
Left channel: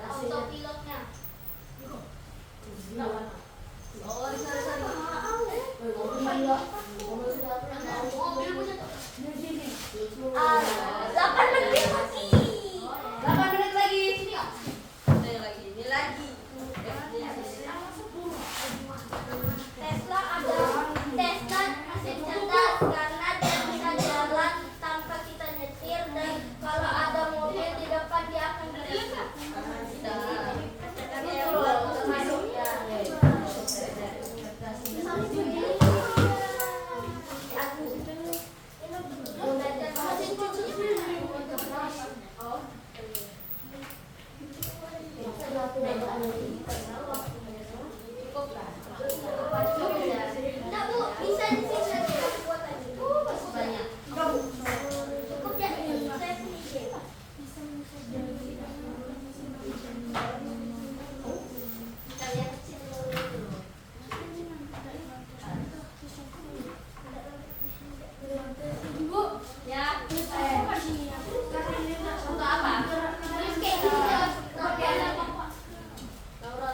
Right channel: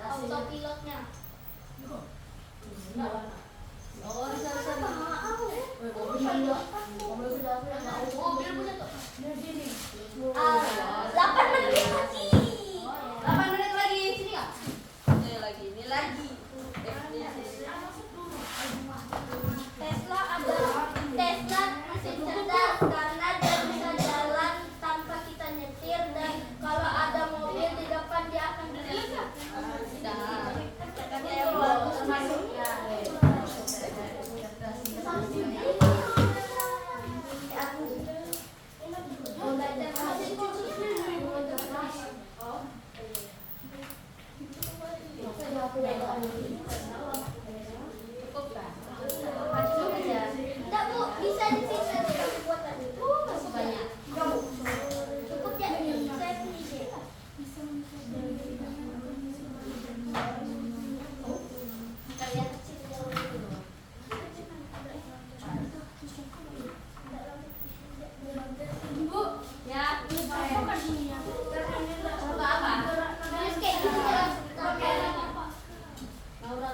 Autopilotnya. Oh, di sana. Mobil punya tuh. 8 menit lagi. 8 menit lagi. Ini ya. Ini lagi, ini lagi. Tesla masih cerdas karena dia bisa jalan tanpa kita nyetir dan kalau ada mobil di depan dia akan berhenti. Enggak Bu, bisa di sini aja buat tadi. Masih banyak. Cukup ya, saya punya. Kalian kecil dulu. Bu, ya. Untuk apa? Terus kayak gitu ya. Laura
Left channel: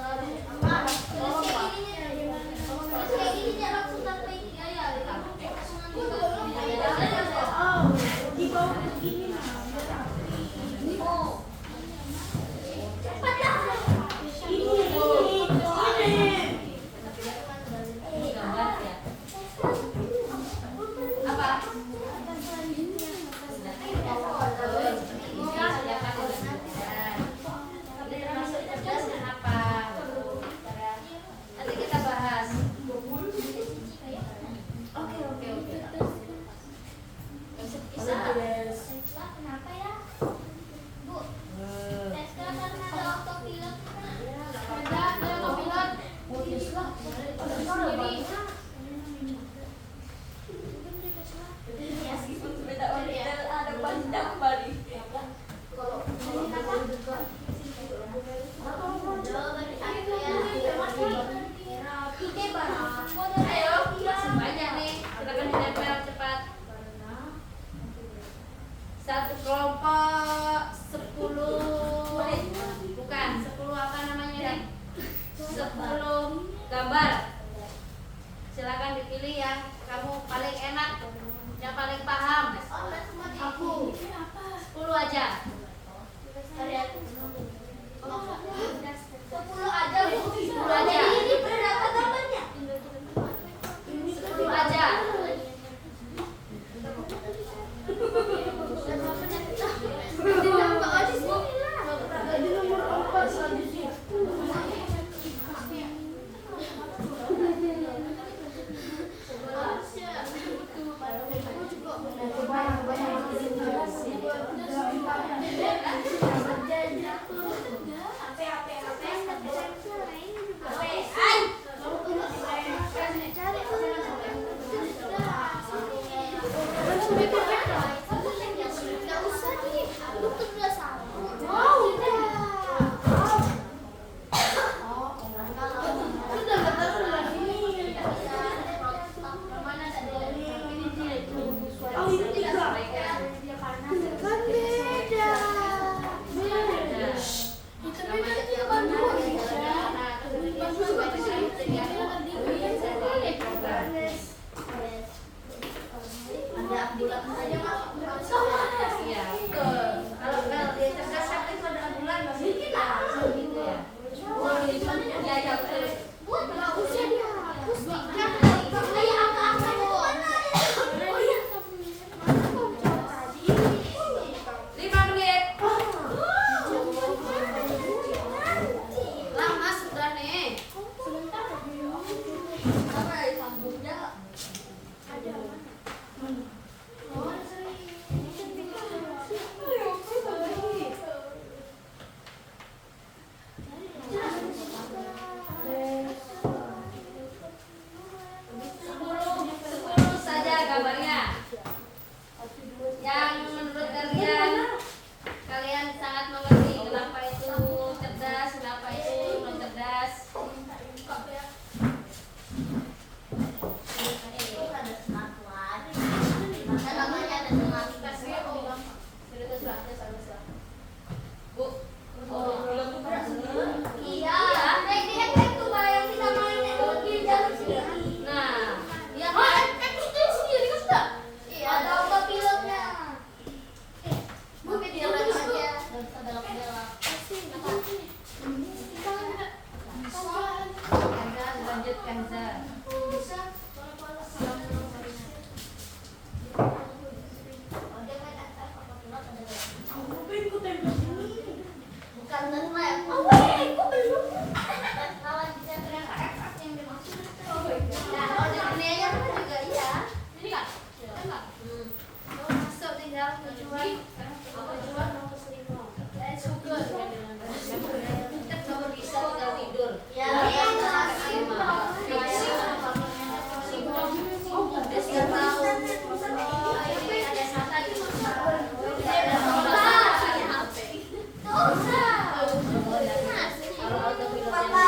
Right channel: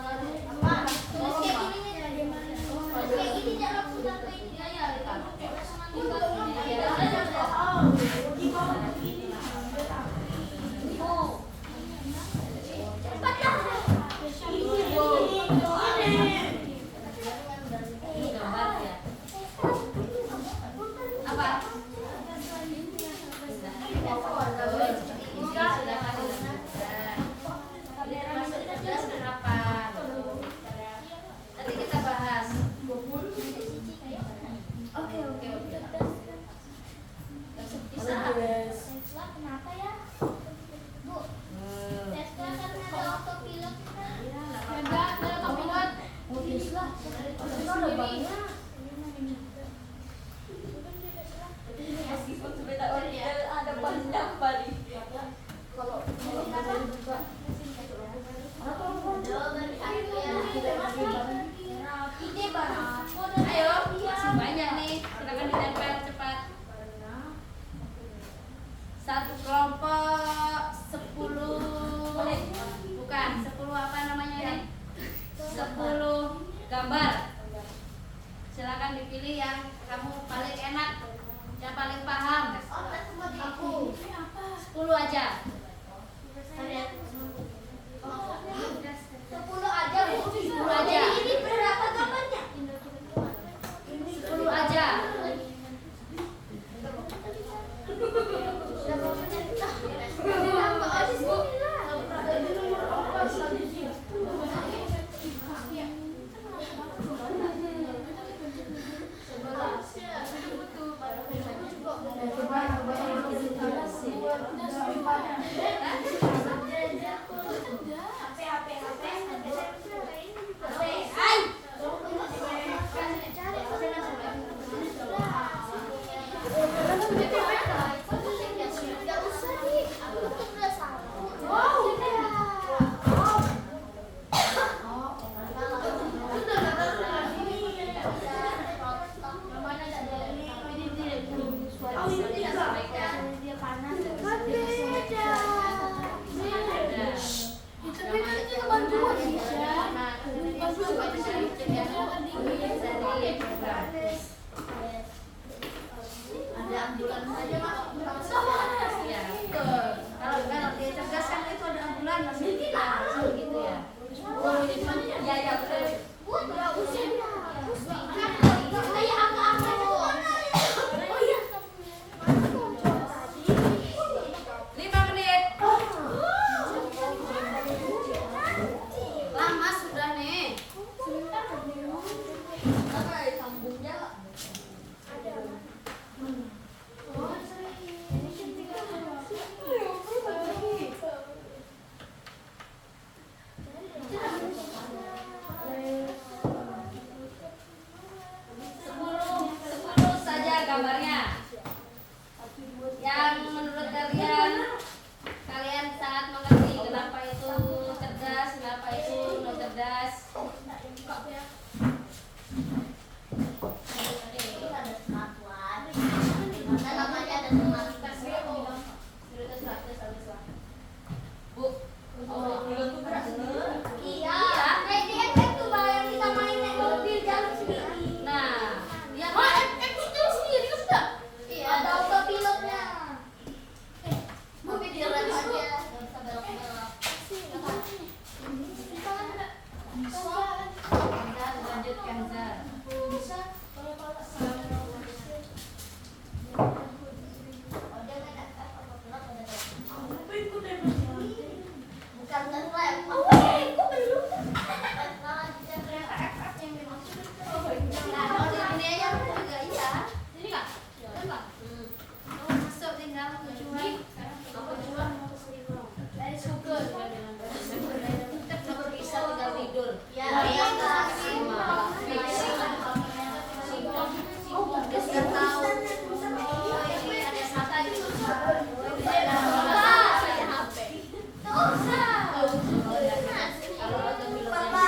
Kalau untuk pilotnya Papa.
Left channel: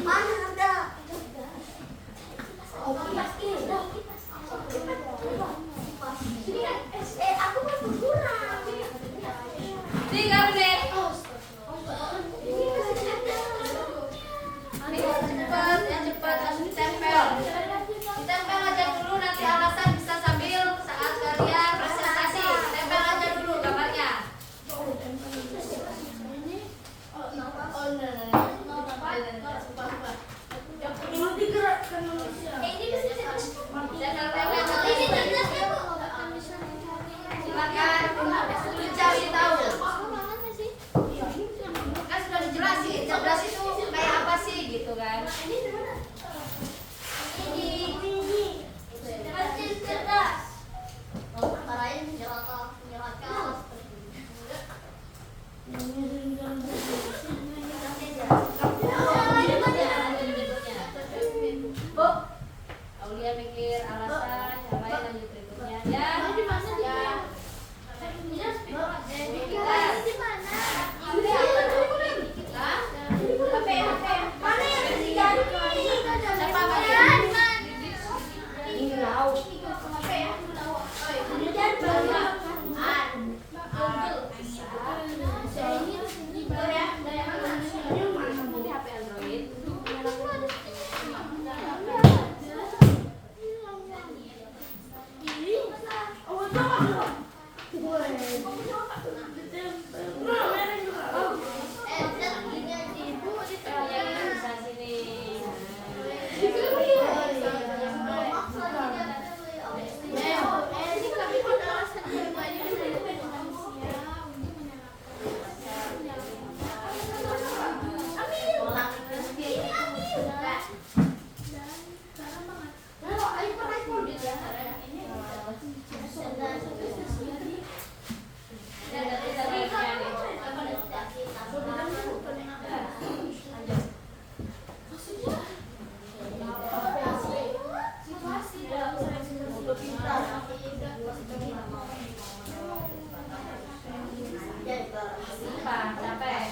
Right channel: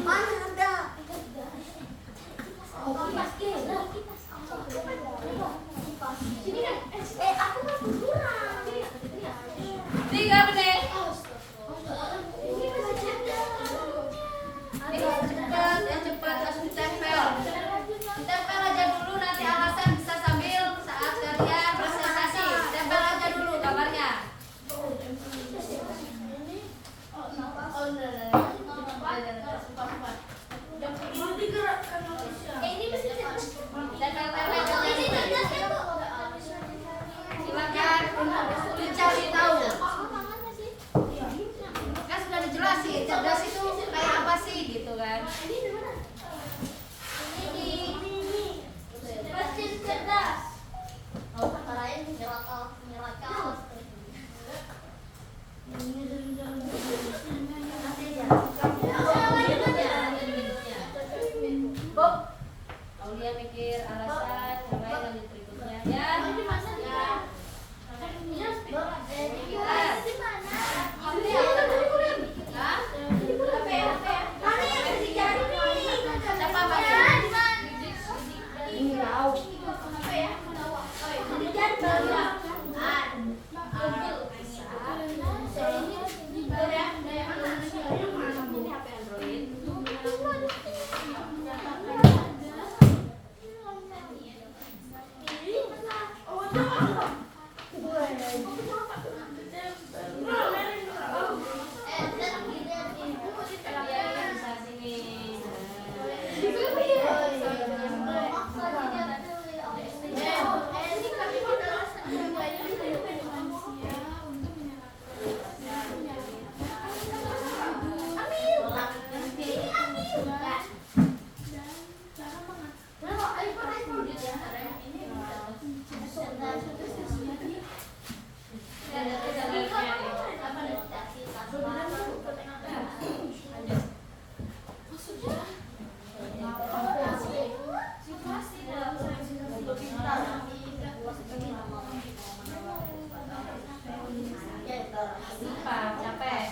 Mana ada? Aku mau kurang. 3 menit. Yang cepat langsung ditempel. Ditempel aja dulu, nanti alasan bisa sambil saat kalian presentasi. Tempel aja dulu gambarnya. Silakan mencari tahu. Kan sudah dijelasin, cerdas itu kayak apa sih gitu kan? Mesin cerdas. Bu, Aulia mikir alasan, yang lain lanjut berikutnya ya. Siapa Marian? Capek.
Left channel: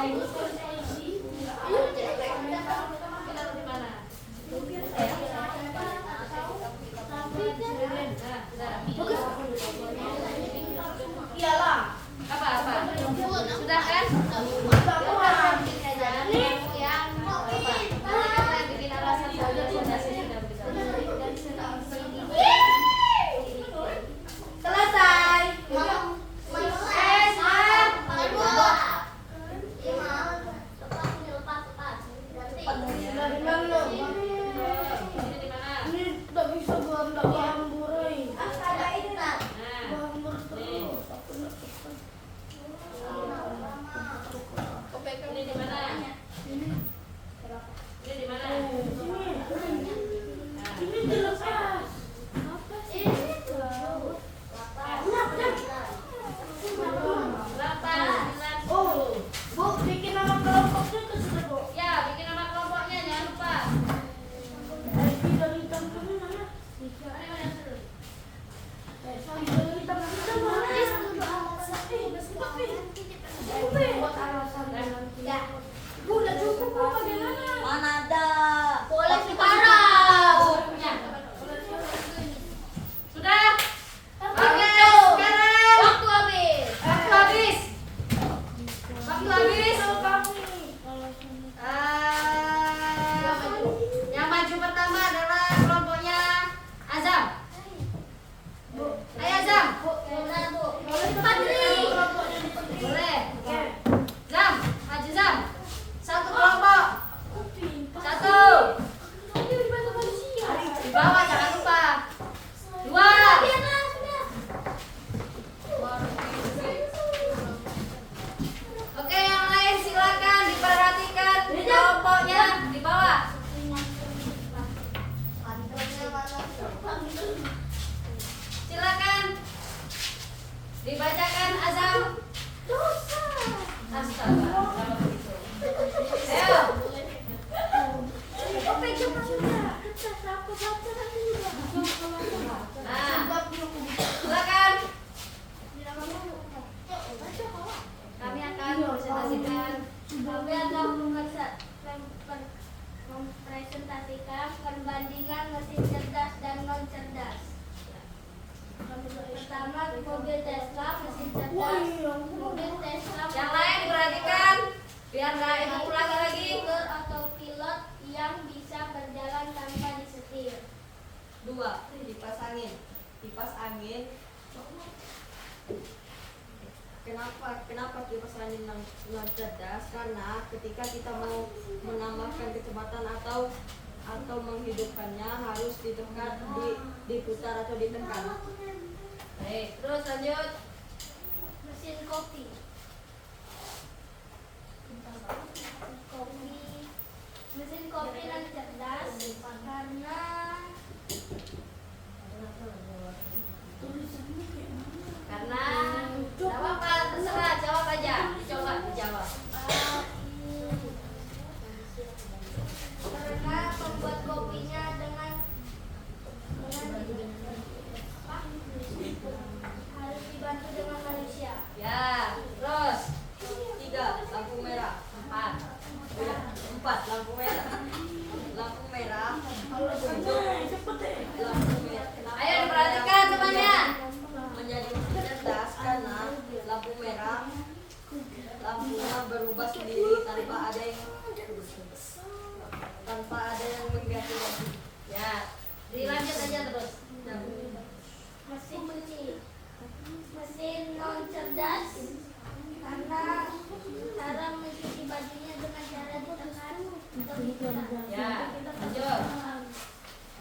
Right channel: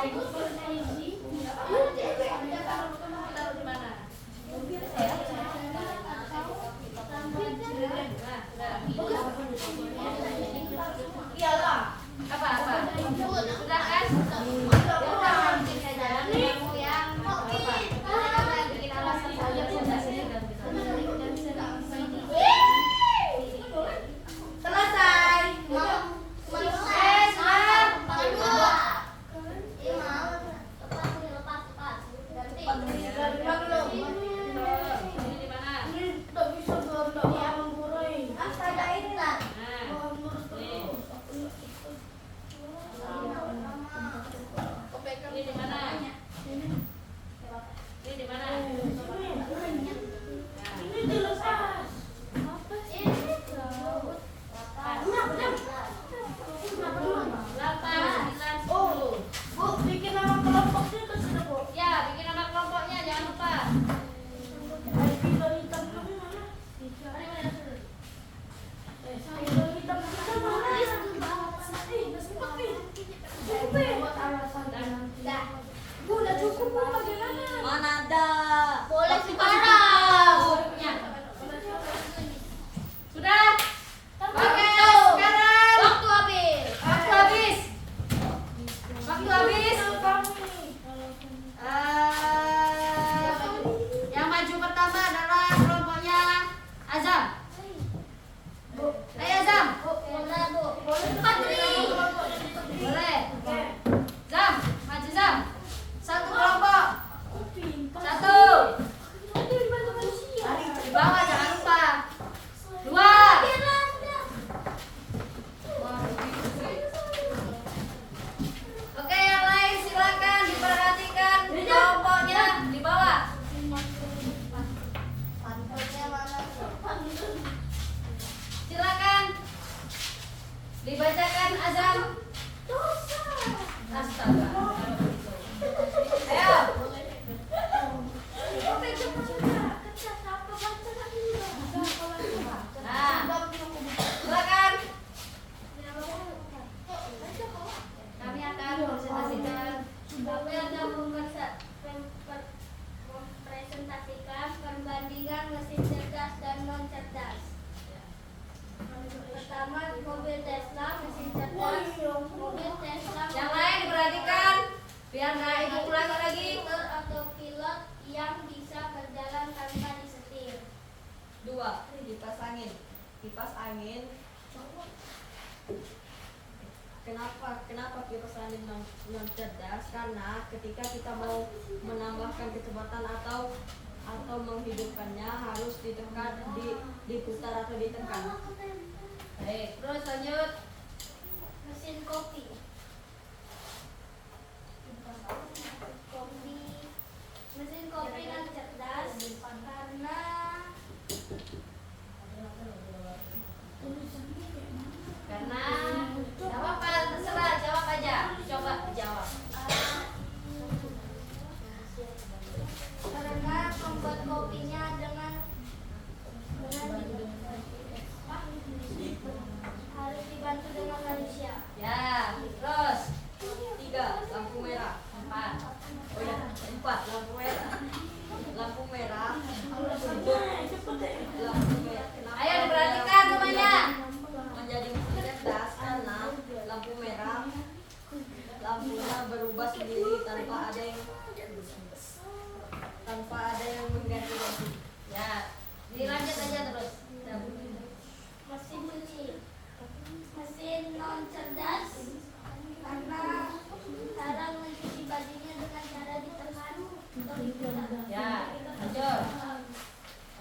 Taruh di mana? Nah, sudah. Iyalah. Apa? Sudah kan? Selesai. Dari mana lo? Ini di mana? Ini tak bisa enggak paham burai. Ada ini nak. Nah, Paham burai. nih. Aku enggak bisa. Ini di mana? Ini di mana? Ini dilepas. Oh, Bu, bikin nama kelompoknya itu sudah, Bu. Ya, bikin nama kelompoknya jangan lupa. ID dari teman mana? Dari teman buat alasan nanti. Bu, udah cukup, Bu, bagaimana? Mana ada? Boleh sekarang. Bukunya. Sudah? Oke, Betul. sekarang. Waktu habis. Waktu habis. Waktu habis. Yang maju pertama adalah kelompoknya Azam. Ayo Azam. Boleh. Zam, maju Zam. Satu kelompok. Satu. Di bawah jangan lupa. Dua. Oke, yang lain silakan diperhatikan kelompoknya di bawah. Silakan dibacakan azam. Astaga, kalau begitu. Ayo. Nah, silakan. Kami akan presentasikan. Kami akan mempresentasikan perbandingan mesin cerdas dan non cerdas. Pertama, mobil Tesla mesin cerdas. Mobil Tesla Yang lain perhatikan biar nggak ibu ulangi lagi. motor atau pilot yang bisa berjalan tanpa disetir. 2. Kipas angin. Kipas angin. Kenapa kipas angin non cerdas? Karena ketika kita mau menambahkan kecepatan atau menghidupkannya harus ditekan, diputar atau ditekan. Baik, terus lanjut. Mesin kopi. Mesin kopi non cerdas karena Karena nggak apa-apa, terserah jawab aja. Coba dijawab. karena membuat kopinya dengan harus dibantu dengan manusia. Ya, terus 3. Lampu merah. 4. Oh ya, 4. Lampu merah. Lampu merah. Lampu merah. Kenapa Ayo diperhatikan semuanya. menjadi cerdas? Karena lampu merah lampunya berubah sendiri tanpa ada yang mengganti. Ya, dilanjut aja terus. Mesin cuci. Mesin non cerdas karena cara mencuci bajunya dengan cara ditekan atau ditekan. Ya, lanjut.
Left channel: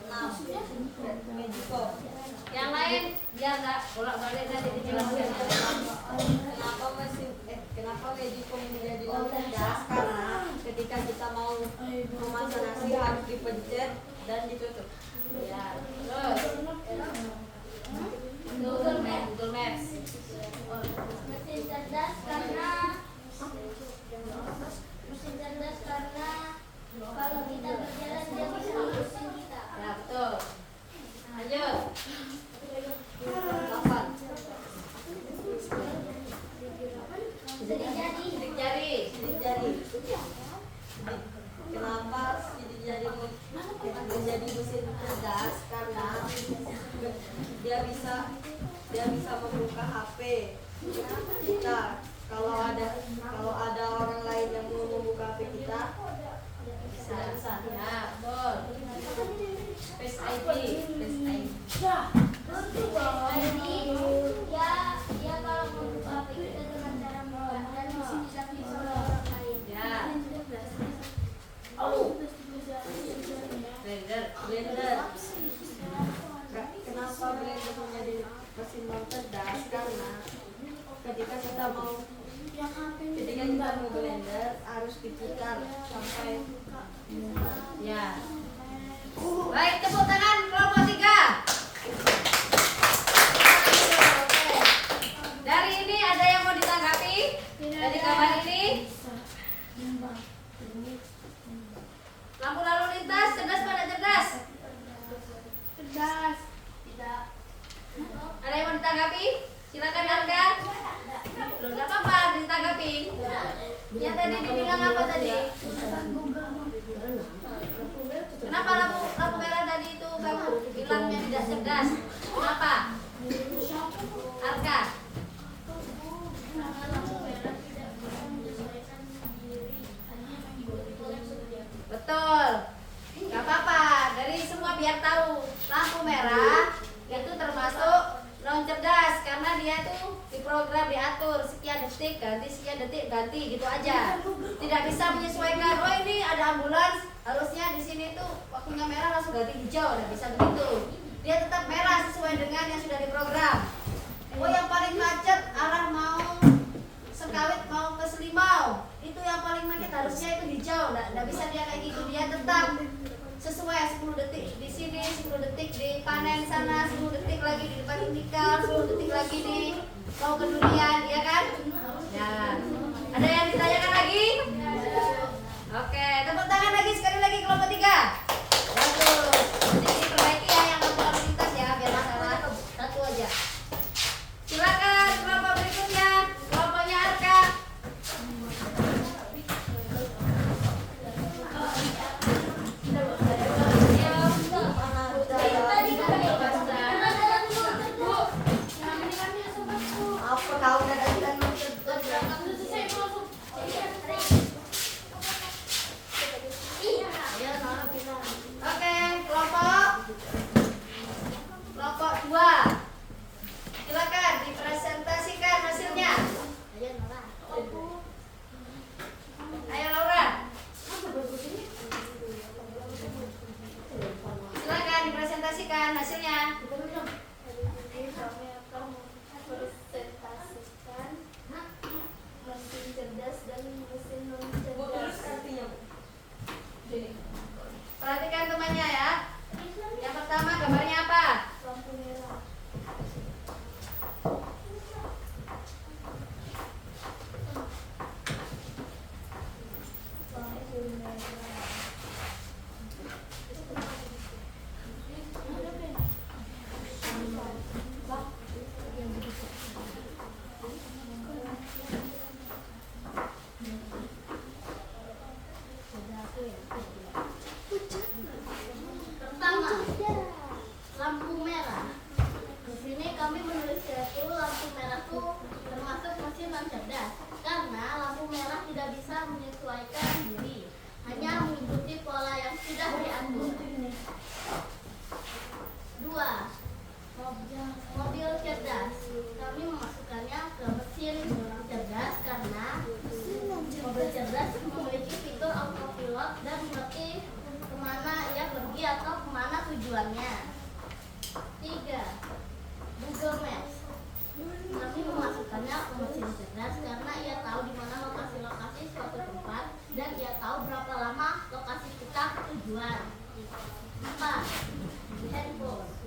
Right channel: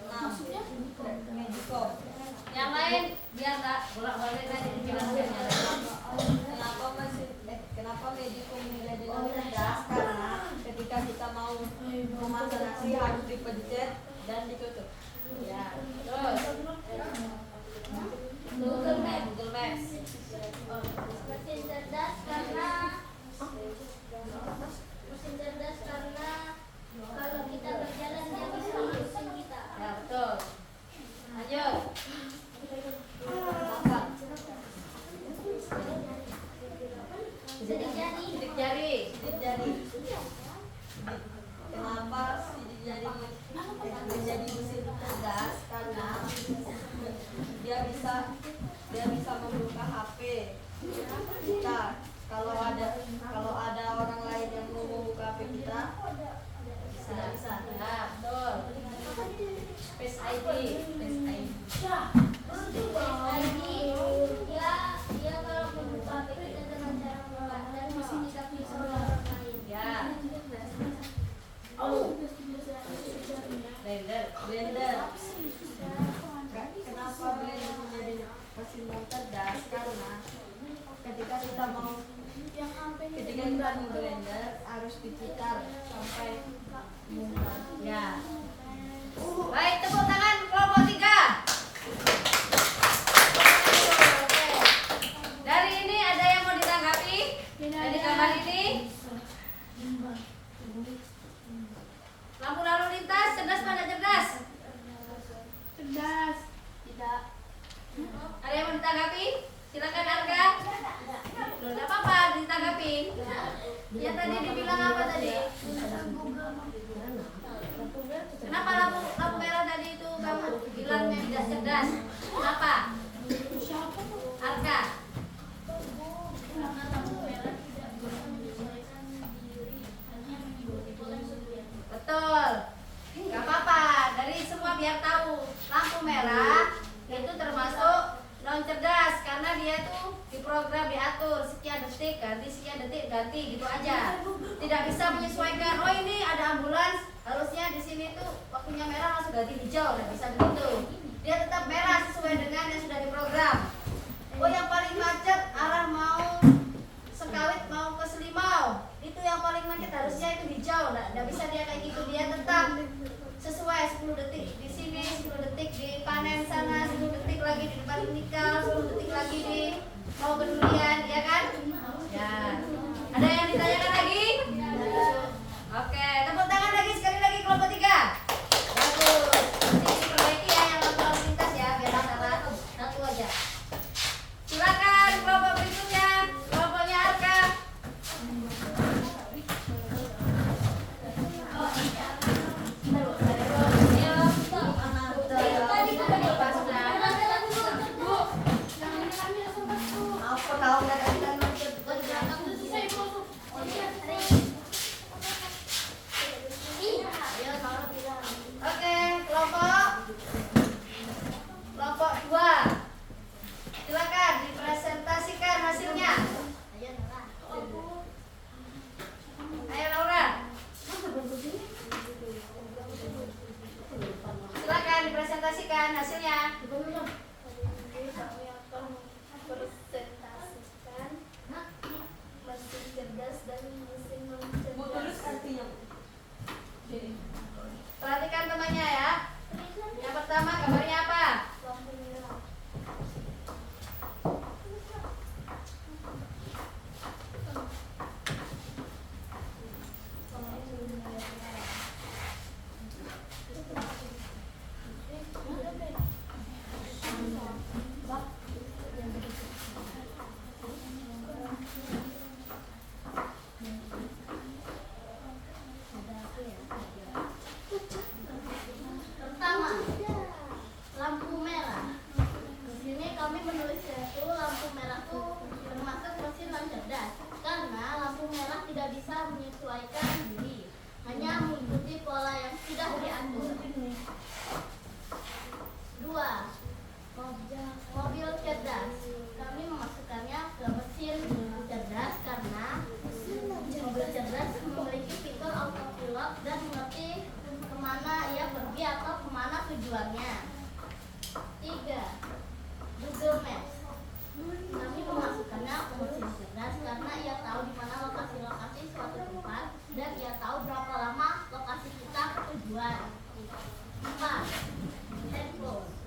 6. Magicom. Yang lain biar nggak bolak-balik nanti dijelaskan. Kenapa Magicom menjadi non cerdas? Karena ketika kita mau memasang nasi harus dipencet dan ditutup. Ya, terus. Google Maps. Mesin cerdas karena kalau kita berjalan dia bisa mengusung kita. Ya, betul. Lanjut. 8. Jadinya Sidik jari. Sidik jari. Kenapa sidik jari menjadi mesin cerdas? Karena dia bisa membuka HP kita. Kalau ada orang lain yang mau membuka HP kita, bisa. Ya, betul. Face ID. Ya kalau membuka HP kita dengan cara membuka dan bisa orang lain. Ya. Blender. Kenapa blender menjadi mesin cerdas? Karena ketika kita mau blender harus diputar sampai membuat. Ya. Baik, tepuk tangan kelompok 3. Dari ini ada yang mau ditanggapi? Dari gambar ini? Lampu lalu lintas cerdas pada cerdas? Cerdas. Tidak. Ada yang mau ditanggapi? Silakan Arga. Loh, enggak apa-apa ditanggapi. Yang tadi dibilang apa tadi? Kenapa lampu merah tadi itu kamu bilangnya tidak cerdas? Kenapa? Arga. Betul. Gak apa-apa. Dari semua biar tahu lampu merah itu termasuk non cerdas karena dia tuh diprogram diatur sekian detik ganti gitu aja. Tidak bisa menyesuaikan. Oh ini ada ambulans harusnya di sini tuh waktunya merah langsung ganti hijau. Tidak bisa begitu. Dia tetap merah sesuai dengan yang sudah diprogram. Oh yang paling macet arah mau Sekawit mau ke Selimau itu yang paling macet harusnya itu hijau. Nggak bisa dia kayak gitu. Dia tetap sesuai 10 detik di sini, 10 detik di panen sana, 10 detik lagi di depan unikal, 10 detik lagi di mau ke durian, ya kan? Ya. Ada yang ditanyakan lagi? Oke, tepuk tangan lagi sekali lagi kelompok 3. Bagus. Jadi diperbaiki ya yang lalu lintas ya, biar nggak salah. Satu aja. Silakan kelompok berikutnya, kelompoknya Arka. Apa kau Oke, kelompok 2. Silakan dipresentasikan hasilnya. Ayo Laura. Silakan dipresentasikan hasilnya. Kami akan mempresentasikan mesin cerdas dan mesin non cerdas. Perhatikan temannya ya. Yang pertama gambarnya apa? Lampu merah. Pertama, lampu merah. Di sini kami menuliskan itu lampu merah itu termasuk mesin non cerdas karena lampu merah tidak bisa menyesuaikan diri, hanya mengikuti pola yang sudah diatur. 2. Mobil cerdas. Kami memasukkannya ke mesin cerdas karena mobil cerdas memiliki fitur autopilot dan mengerti kemana ia pergi atau kemana tujuannya. 3. Google Maps. Kami memasukkannya ke mesin cerdas karena ia tahu di mana lokasi-lokasi suatu tempat dan ia tahu berapa lama lokasi kita ke tujuan. 4. Handphone.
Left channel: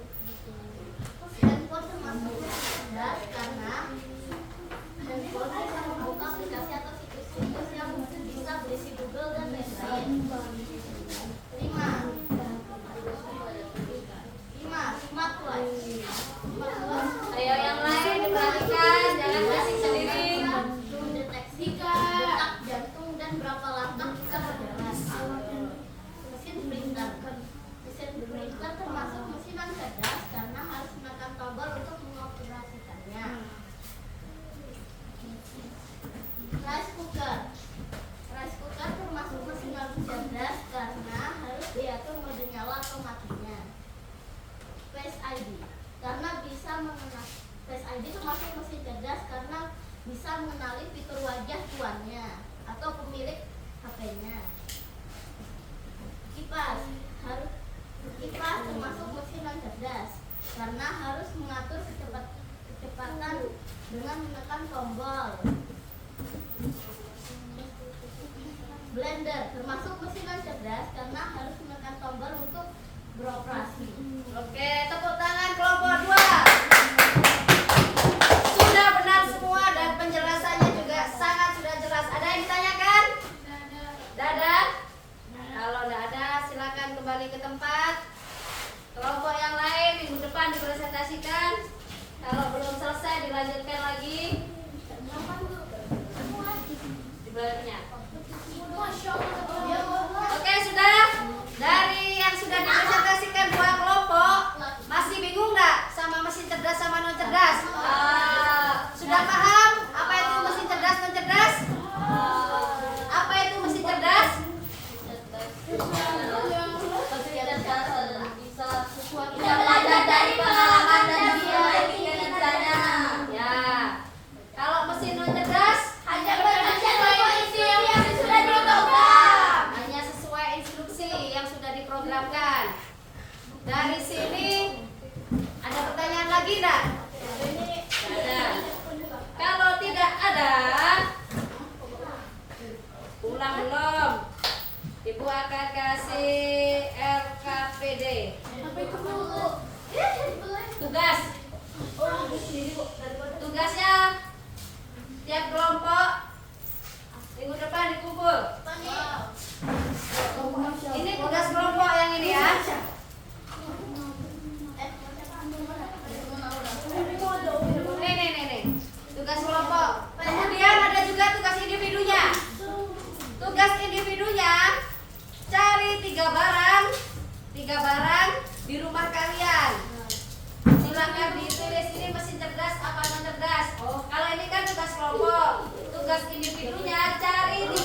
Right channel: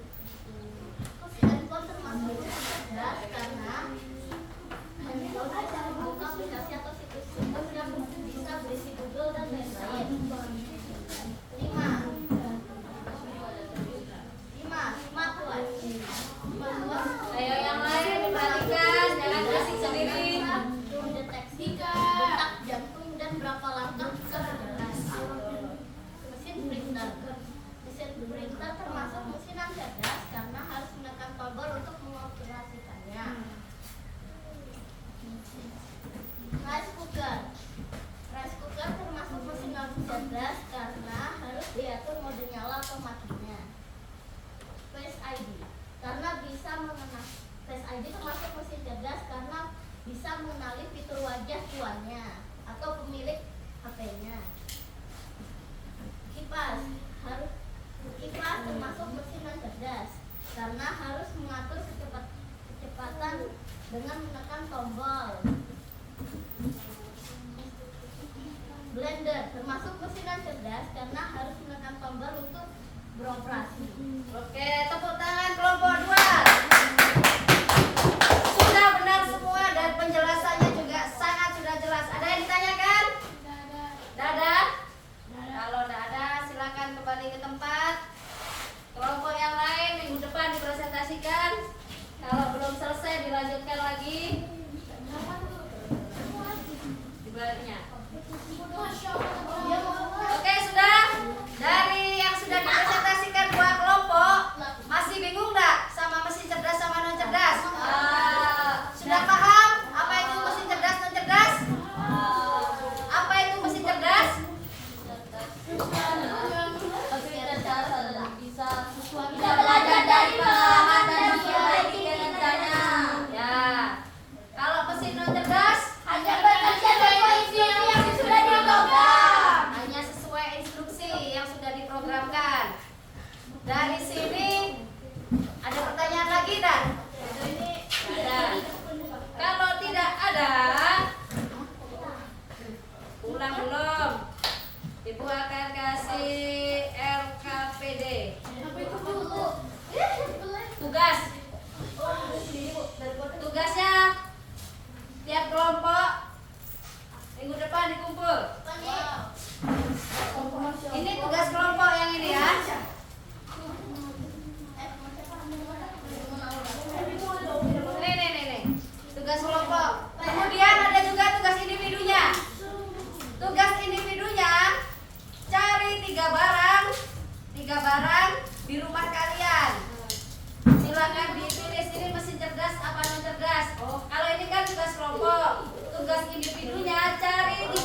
Handphone termasuk cerdas karena handphone mengenali fitur wajah tuannya atau pemilik HP-nya. Kipas termasuk mesin non cerdas karena harus mengatur kecepatan dengan menekan tombol. Blender termasuk mesin non cerdas karena harus menekan tombol untuk beroperasi. Oke, tepuk tangan kelompok 2. Sudah benar semua dan penjelasannya juga sangat sudah jelas. Ada yang ditanyakan? Dadah. Kalau tidak ada, silakan kembali ke tempat. Kelompok yang lain minggu depan dipresentasikan. Kalau belum selesai dilanjutkan lagi. Dibaliknya. Oke, sudah. Dari yang sudah dipresentasikan 2 kelompok, masih bingung nggak sama mesin cerdas sama non cerdas? Sudah paham apa itu mesin cerdas non cerdas? Apa itu mesin cerdas? Kita belajar dari pengalaman dan memperbaiki kinerjanya. Ya. Kalau mesin non cerdas Hanya bekerja sesuai instruksi yang sudah diprogram. hanya sesuai instruksi yang sudah diprogramkan. Dari sini ada pertanyaan lagi tak? Ada. Kalau tidak ada, ulang belum? Ibu akan kasih RKPD. Tugas. Tugasnya tiap kelompok minggu depan dikumpul. Ini tugas kelompok yang ini ya. Nih. Tugas kelompok. Kemudian ada juga tugas individunya. Tugas individunya cari 3 barang di rumah kalian. Silakan ditulis ini mesin cerdas apa non cerdas. Kalau ini kan tugas kelompok. Tugas individunya cari 3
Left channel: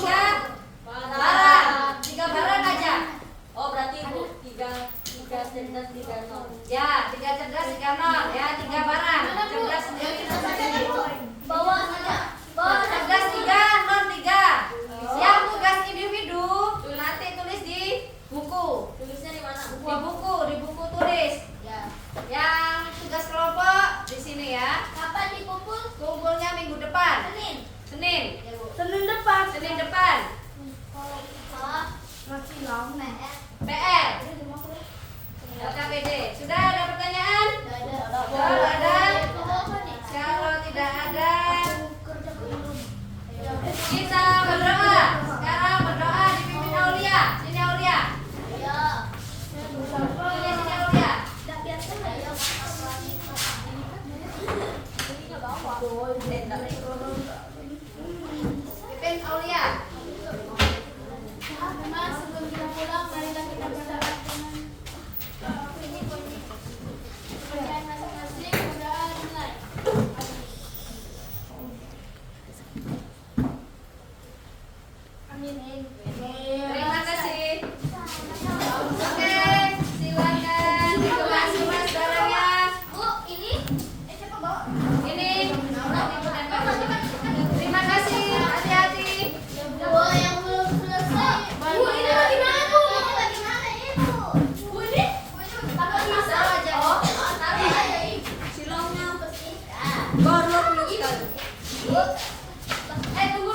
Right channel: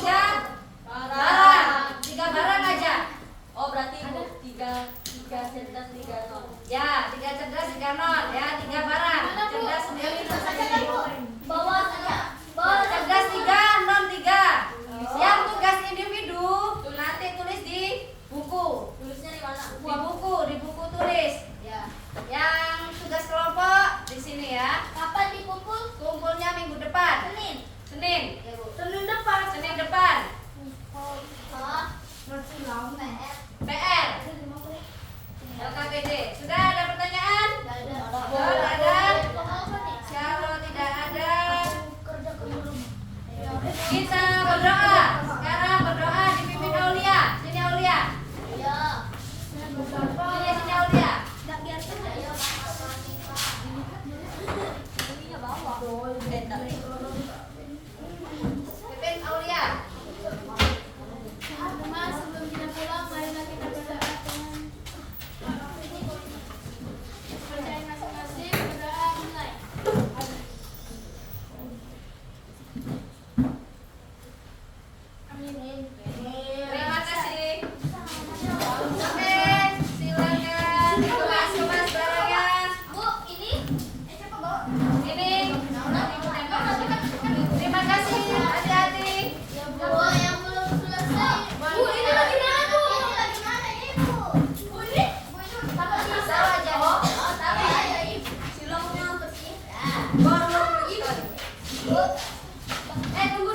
barang. 3 barang aja. Oh berarti Bu, 3 cerdas 3 non. Ya, 3 cerdas 3 non. Ya, 3 barang. Cerdas sendiri Bawa saja. cerdas 3, non 3. Yang tugas individu nanti tulis di buku. Tulisnya di mana? Di buku tulis. Ya. Yang tugas kelompok di sini ya. Kapan dikumpul? Kumpulnya minggu depan. Senin. Ya, Bu. Senin depan. Masih lama. PR. LKPD. Sudah ada pertanyaan? Ada. Kalau ada, Apa nih? kalau tidak ada, Kerja ke rumah. kita berdoa. Sekarang berdoa dipimpin Aulia. Sini Aulia. Ya. Sini Aulia. Enggak biarkan aja. Pimpin Aulia. Mas, sebelum kita pulang, marilah kita berdoa. Kepercayaan masing-masing, berdoa mulai. Amin. Terima kasih. Oke, silakan dikemas-kemas barangnya. Bu, ini siapa bawa? Ini Ibu dan Bapak. Terima kasih. Hati-hati. Bu, yang belum selesai. Bu, ini lagi mana, Bu? Ini lagi mana, Ibu? Bu, ini? Bu, ini pakai pisau aja. Oh, taruh aja, Ibu. Silongnya bersihkan. Baru sekali. Bu, Tunggu